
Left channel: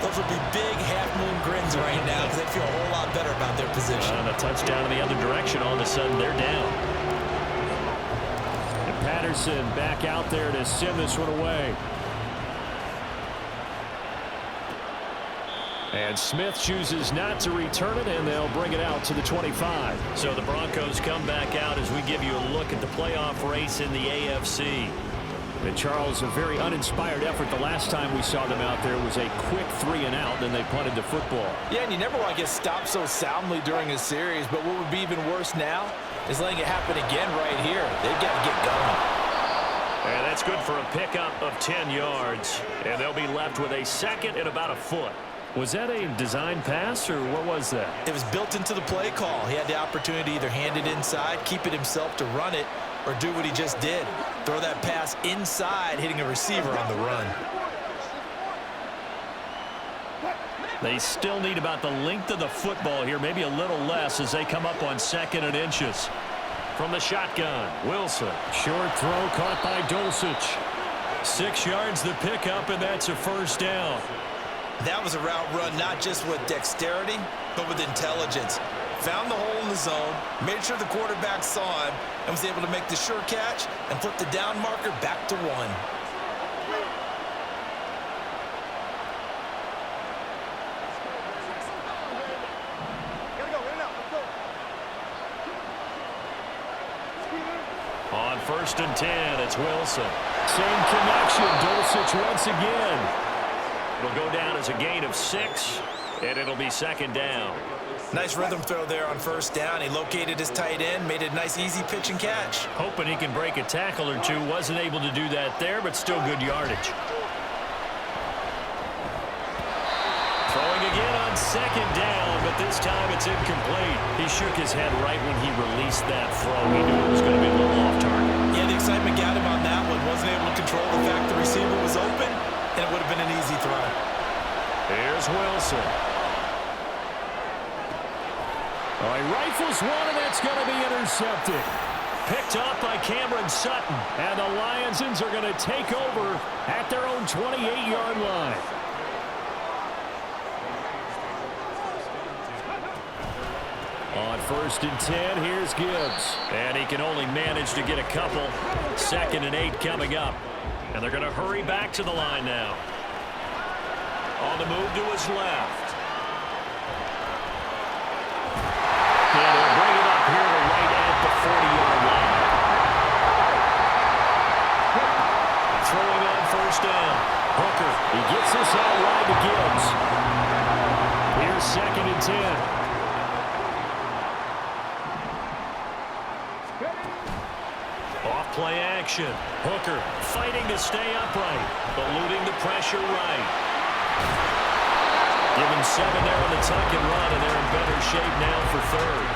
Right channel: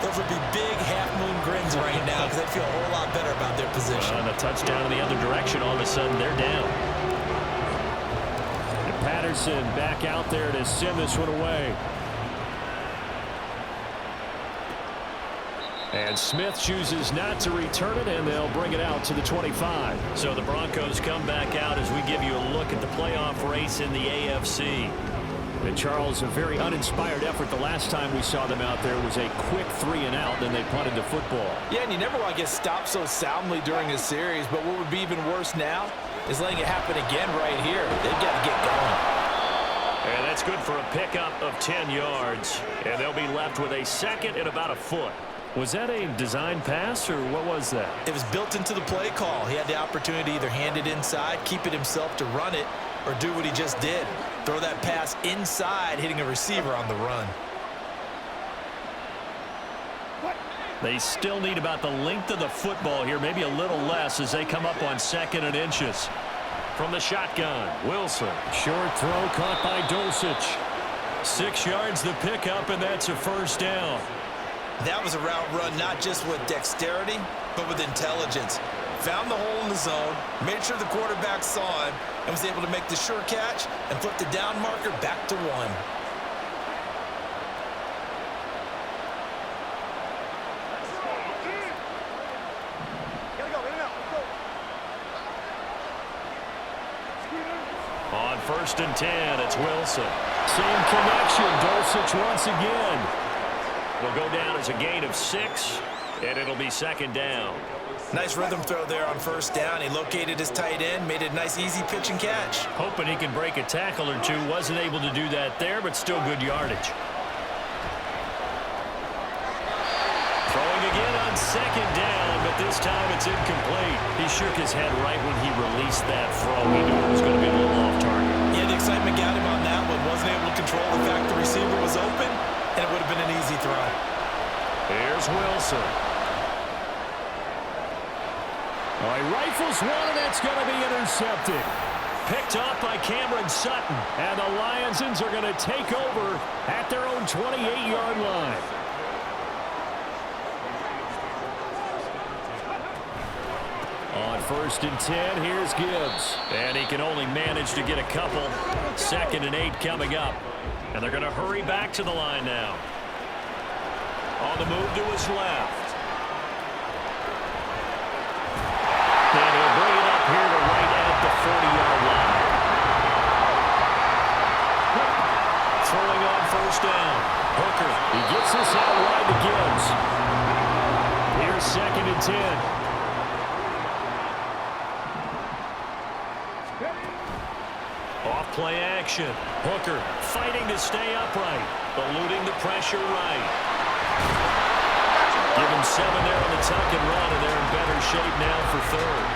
those would be big half-moon grins right now, because they'd feel a whole lot better about their position. And a touchdown in the other direction, all of a sudden they're down. Patterson back out there to send this one away. And Smith chooses not to return it, and they'll bring it out to the 25. So the Broncos come back out as we give you a look at the playoff race in the AFC. And Charles, a very uninspired effort. The last time we saw them out there was a quick 3-and-out, then they punted the football. Yeah, and you never want to get stopped so soundly during a series, but what would be even worse now is letting it happen again right here. They've got to get going. And that's good for a pickup of 10 yards. And they'll be left with a second and about a foot. Was that a design pass, or what was that? It was built into the play call. He had the opportunity to either hand it inside, keep it himself to run it, or do what he just did. Throw that pass inside, hitting a receiver on the run. They still need about the length of the football here, maybe a little less as they come up on 2nd and inches. From the shotgun, Wilson. Short throw caught by Dulcich. 6 yards the pickup, and that's a first down. That was a route run not just with dexterity, but with intelligence. Found the hole in the zone, made sure the quarterback saw him, and was able to make the sure catch and flip the down marker back to 1. On 1st and 10, it's Wilson. Same connection, Dulcich once again. It'll go down as a gain of 6, and it'll be 2nd down. Nice rhythm throw there on 1st down. He located his tight end, made a nice easy pitch and catch. Hoping he can break a tackle or two. Wasn't able to do that there, but still good yardage. Throwing again on 2nd down, but this time it's incomplete. He shook his head right when he released that throw. He knew it was going to be a little off target. Yeah, the excitement got him on that one. Wasn't able to control the fact the receiver was open, and it would have been an easy throw. Here's Wilson. Oh, he rifles one, and that's going to be intercepted. Picked up by Cameron Sutton. And the Lions are going to take over at their own 28-yard line. On 1st and 10, here's Gibbs. And he can only manage to get a couple. 2nd and 8 coming up. And they're going to hurry back to the line now. On the move to his left. And he'll bring it up here to right at the 40-yard line. Throwing on 1st down. Hooker, he gets this out wide to Gibbs. Here's 2nd and 10. Off play action. Hooker fighting to stay upright, eluding the pressure right. Give him 7 there on the tuck and run, and they're in better shape now for 3rd.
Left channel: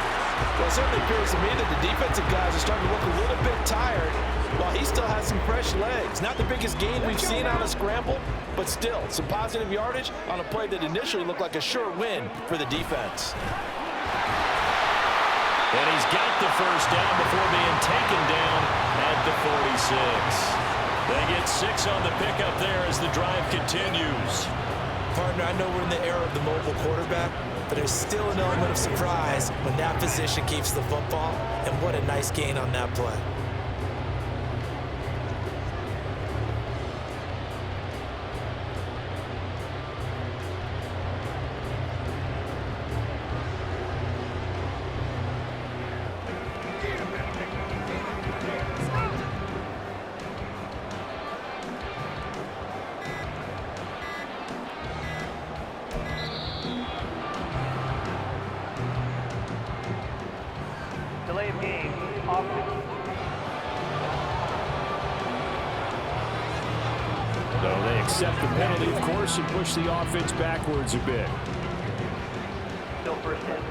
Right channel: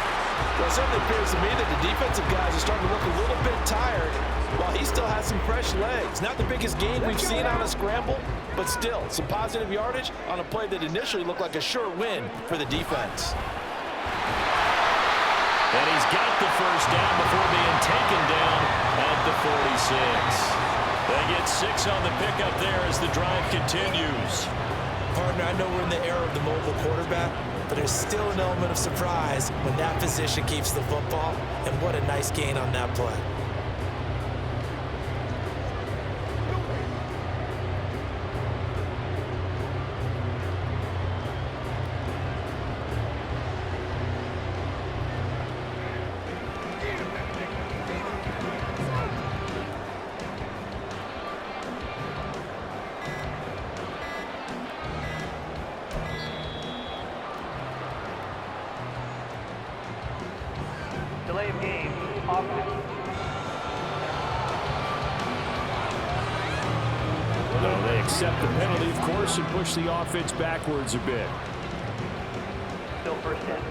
Well, it certainly appears to me that the defensive guys are starting to look a little bit tired, while he still has some fresh legs. Not the biggest gain we've seen on a scramble, but still some positive yardage on a play that initially looked like a sure win for the defense. And he's got the 1st down before being taken down at the 46. They get 6 on the pickup there as the drive continues. Partner, I know we're in the era of the mobile quarterback, but there's still an element of surprise when that position keeps the football, and what a nice gain on that play. Delay of game, offense. So they accept the penalty, of course, and push the offense backwards a bit. Still first in.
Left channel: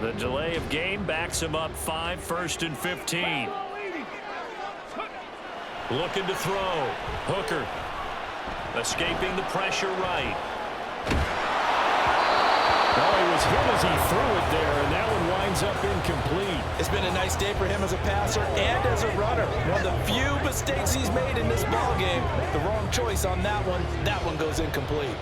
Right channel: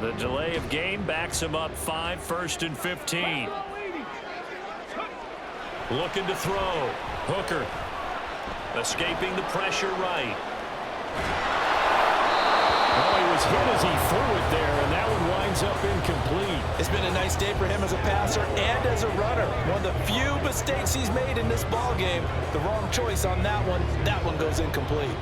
The delay of game backs him up 5, 1st and 15. Looking to throw. Hooker. Escaping the pressure right. Oh, he was hit as he threw it there, and that one winds up incomplete. It's been a nice day for him as a passer and as a runner. One of the few mistakes he's made in this ball game. The wrong choice on that one. That one goes incomplete.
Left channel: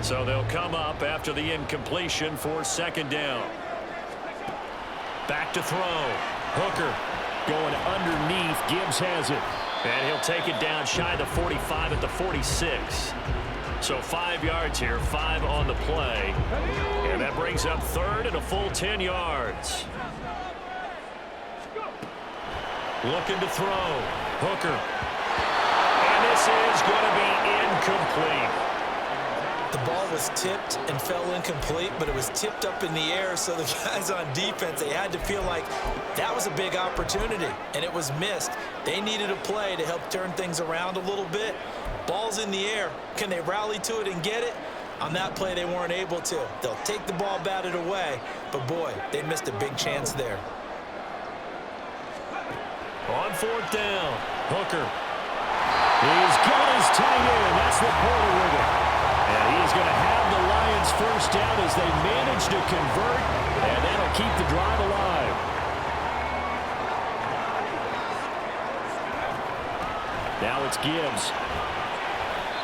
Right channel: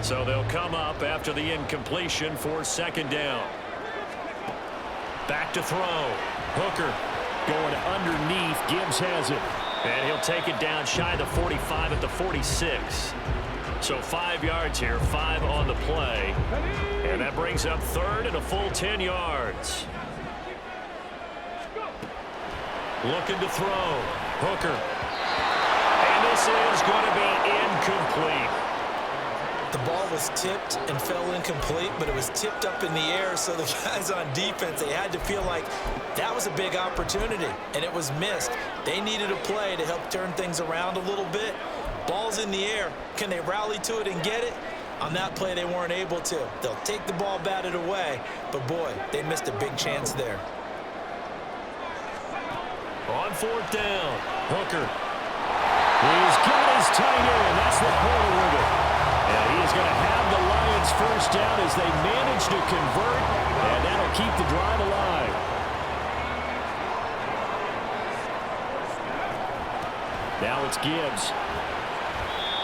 So they'll come up after the incompletion for 2nd down. Back to throw. Hooker. Going underneath. Gibbs has it. And he'll take it down shy of the 45 at the 46. So 5 yards here, 5 on the play. And that brings up 3rd and a full 10 yards. Looking to throw. Hooker. And this is going to be incomplete. The ball was tipped and fell incomplete, but it was tipped up in the air, so the guys on defense, they had to feel like that was a big opportunity, and it was missed. They needed a play to help turn things around a little bit. Ball's in the air. Can they rally to it and get it? On that play, they weren't able to. They'll take the ball batted away, but boy, they missed a big chance there. On 4th down, Hooker. He's got his tight end. That's Laporta with it. And he is going to have the Lions first down as they manage to convert, and that'll keep the drive alive. Now it's Gibbs.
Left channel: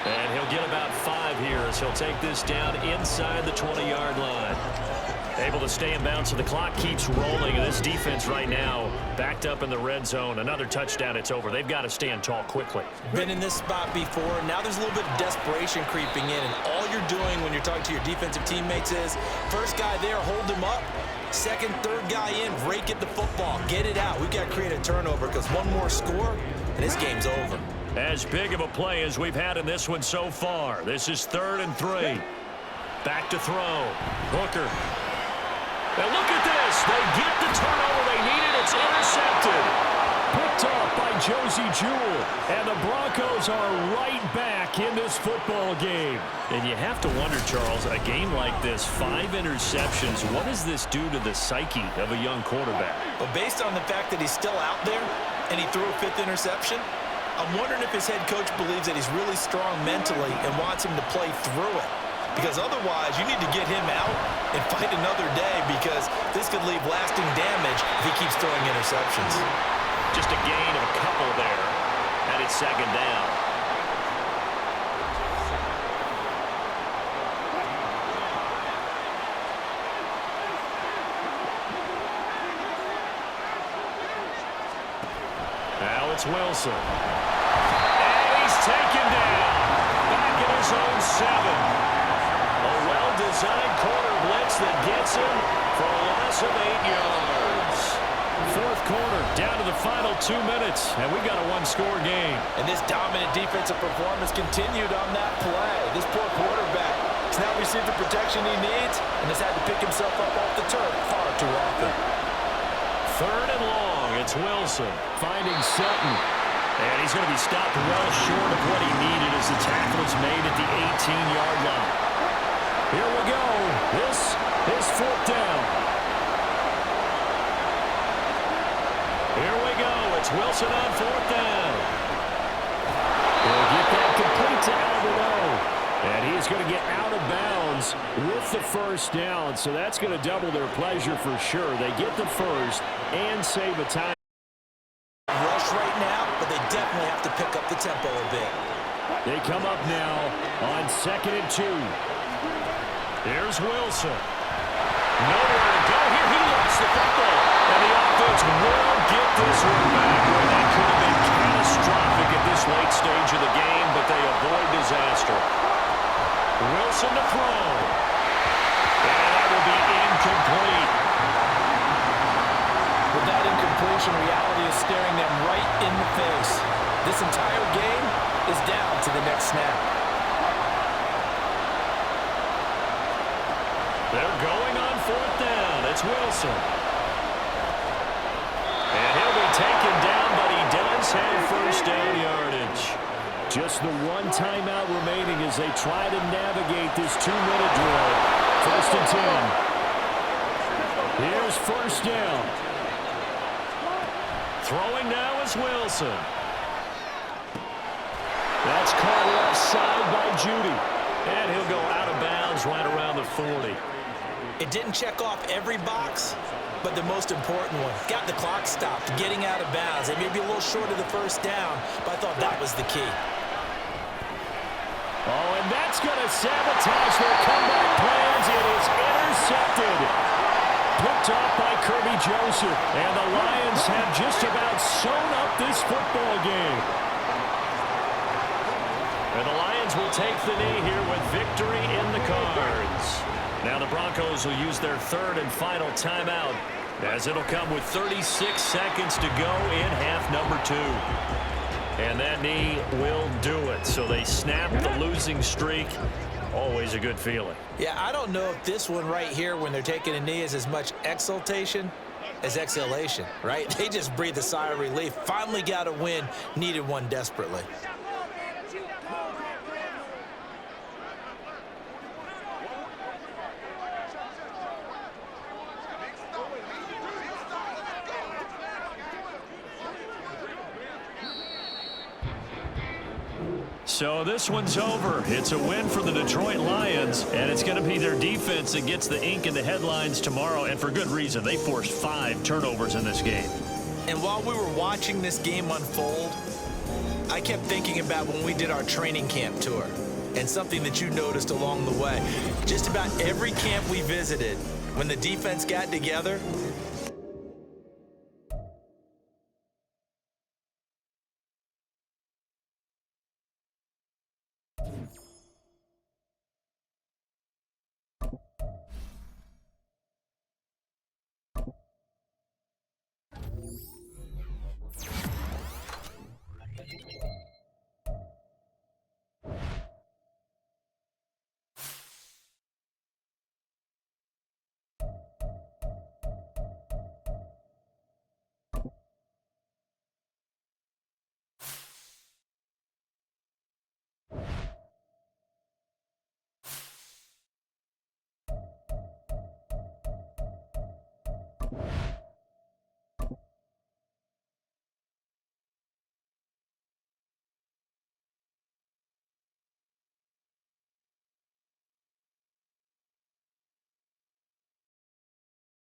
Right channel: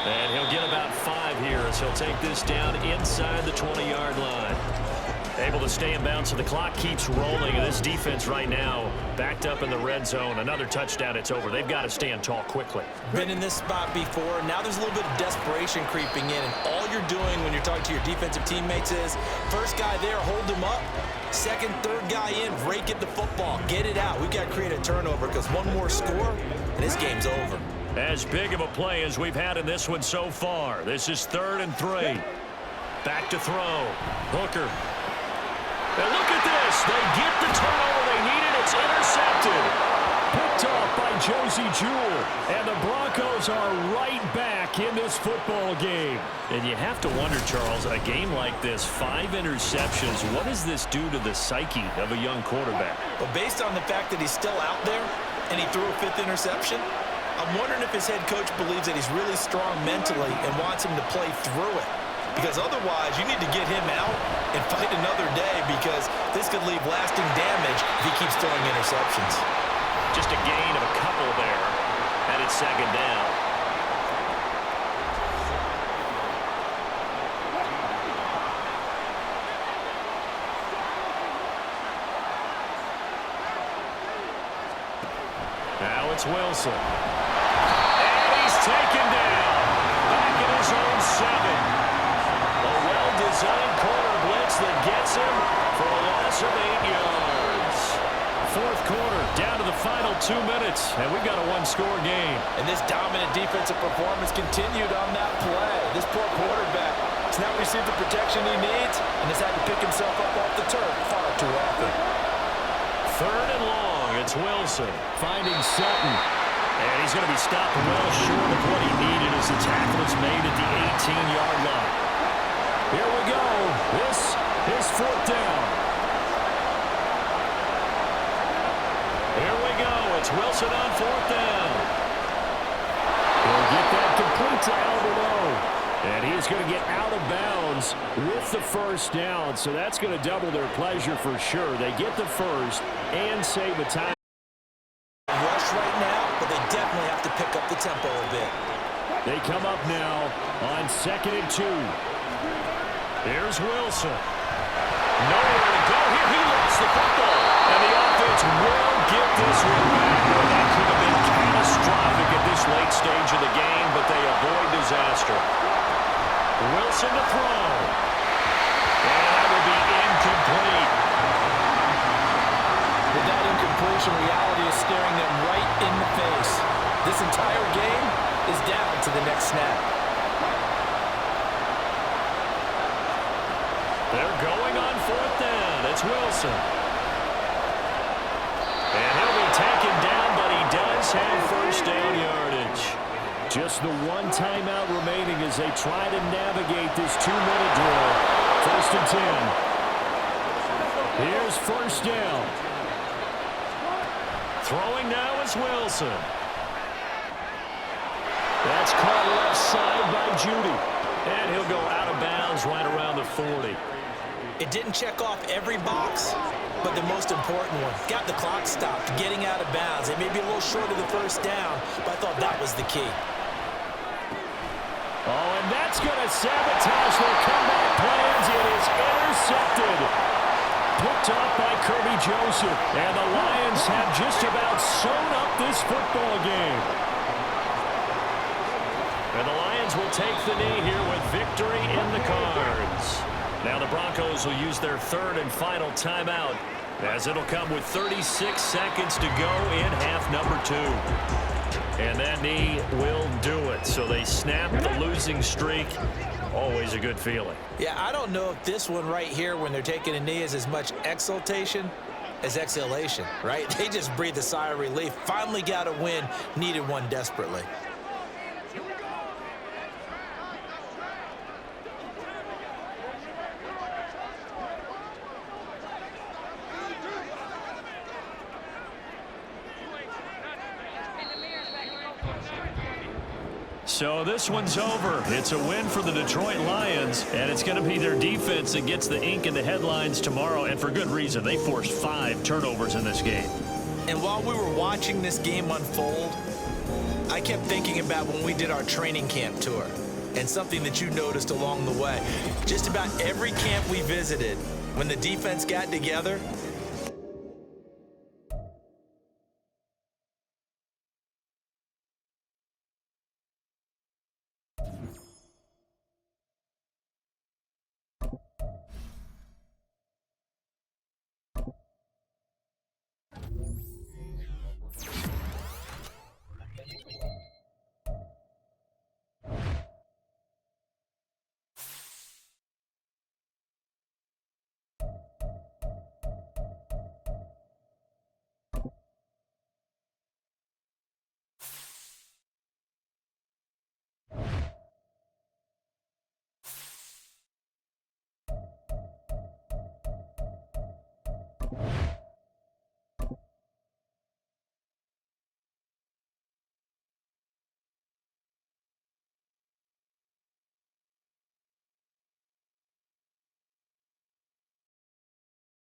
And he'll get about 5 here as he'll take this down inside the 20-yard line. Able to stay in bounds, so the clock keeps rolling. And this defense right now backed up in the red zone. Another touchdown, it's over. They've got to stand tall quickly. Been in this spot before. Now there's a little bit of desperation creeping in, and all you're doing when you're talking to your defensive teammates is first guy there, hold him up. Second, third guy in, rake at the football. Get it out. We've got to create a turnover because one more score, and this game's over. As big of a play as we've had in this one so far. This is 3rd and 3. Back to throw. Hooker. And look at this. They get the turnover they needed. It's intercepted. Picked off by Josie Jewell. And the Broncos are right back in this football game. And you have to wonder, Charles, a game like this, 5 interceptions, what does this do to the psyche of a young quarterback? But based on the fact that he's still out there and he threw a 5th interception, I'm wondering if his head coach believes that he's really strong mentally and wants him to play through it. Because otherwise, you need to get him out and fight another day because this could leave lasting damage if he keeps throwing interceptions. Just a gain of a couple there, and it's 2nd down. Now it's Wilson. And he's taken down. Back in his own 7. A well-designed corner blitz that gets him for a loss of 8 yards. 4th quarter, down to the final 2 minutes, and we've got a 1-score game. And this dominant defensive performance continued on that play. This poor quarterback has not received the protection he needs and has had to pick himself up off the turf far too often. 3rd and long, it's Wilson. Finding Sutton. And he's going to be stopped well short of what he needed as the tackle is made at the 18-yard line. Here we go. This is 4th down. Here we go. It's Wilson on 4th down. He'll get that complete to Alberto. And he's going to get out of bounds with the first down. So that's going to double their pleasure for sure. They get the first and save a time. Rush push right now, but they definitely have to pick up the tempo a bit. They come up now on 2nd and 2. Here's Wilson. Nowhere to go here. He lost the football. And the offense will get this one back. Boy, that could have been catastrophic at this late stage of the game, but they avoid disaster. Wilson to throw. And that will be incomplete. With that incompletion, reality is staring them right in the face. This entire game is down to the next snap. They're going on 4th down. It's Wilson. And he'll be taken down, but he does have first down yardage. Just the one timeout remaining as they try to navigate this 2-minute drill. 1st and 10. Here's first down. Throwing now is Wilson. That's caught left side by Judy. And he'll go out of bounds right around the 40. It didn't check off every box, but the most important one. Got the clock stopped, getting out of bounds. It may be a little short of the first down, but I thought that was the key. Oh, and that's going to sabotage their comeback plans. It is intercepted. Picked off by Kirby Joseph. And the Lions have just about sewn up this football game. And the Lions will take the knee here with victory in the cards. Now the Broncos will use their 3rd and final timeout, as it'll come with 36 seconds to go in half number 2. And that knee will do it. So they snap the losing streak. Always a good feeling. Yeah, I don't know if this one right here when they're taking a knee is as much exultation as exhalation, right? They just breathe a sigh of relief. Finally got a win, needed one desperately. So this one's over. It's a win for the Detroit Lions, and it's going to be their defense that gets the ink in the headlines tomorrow, and for good reason. They forced 5 turnovers in this game. And while we were watching this game unfold, I kept thinking about when we did our training camp tour, and something that you noticed along the way. Just about every camp we visited, when the defense got together,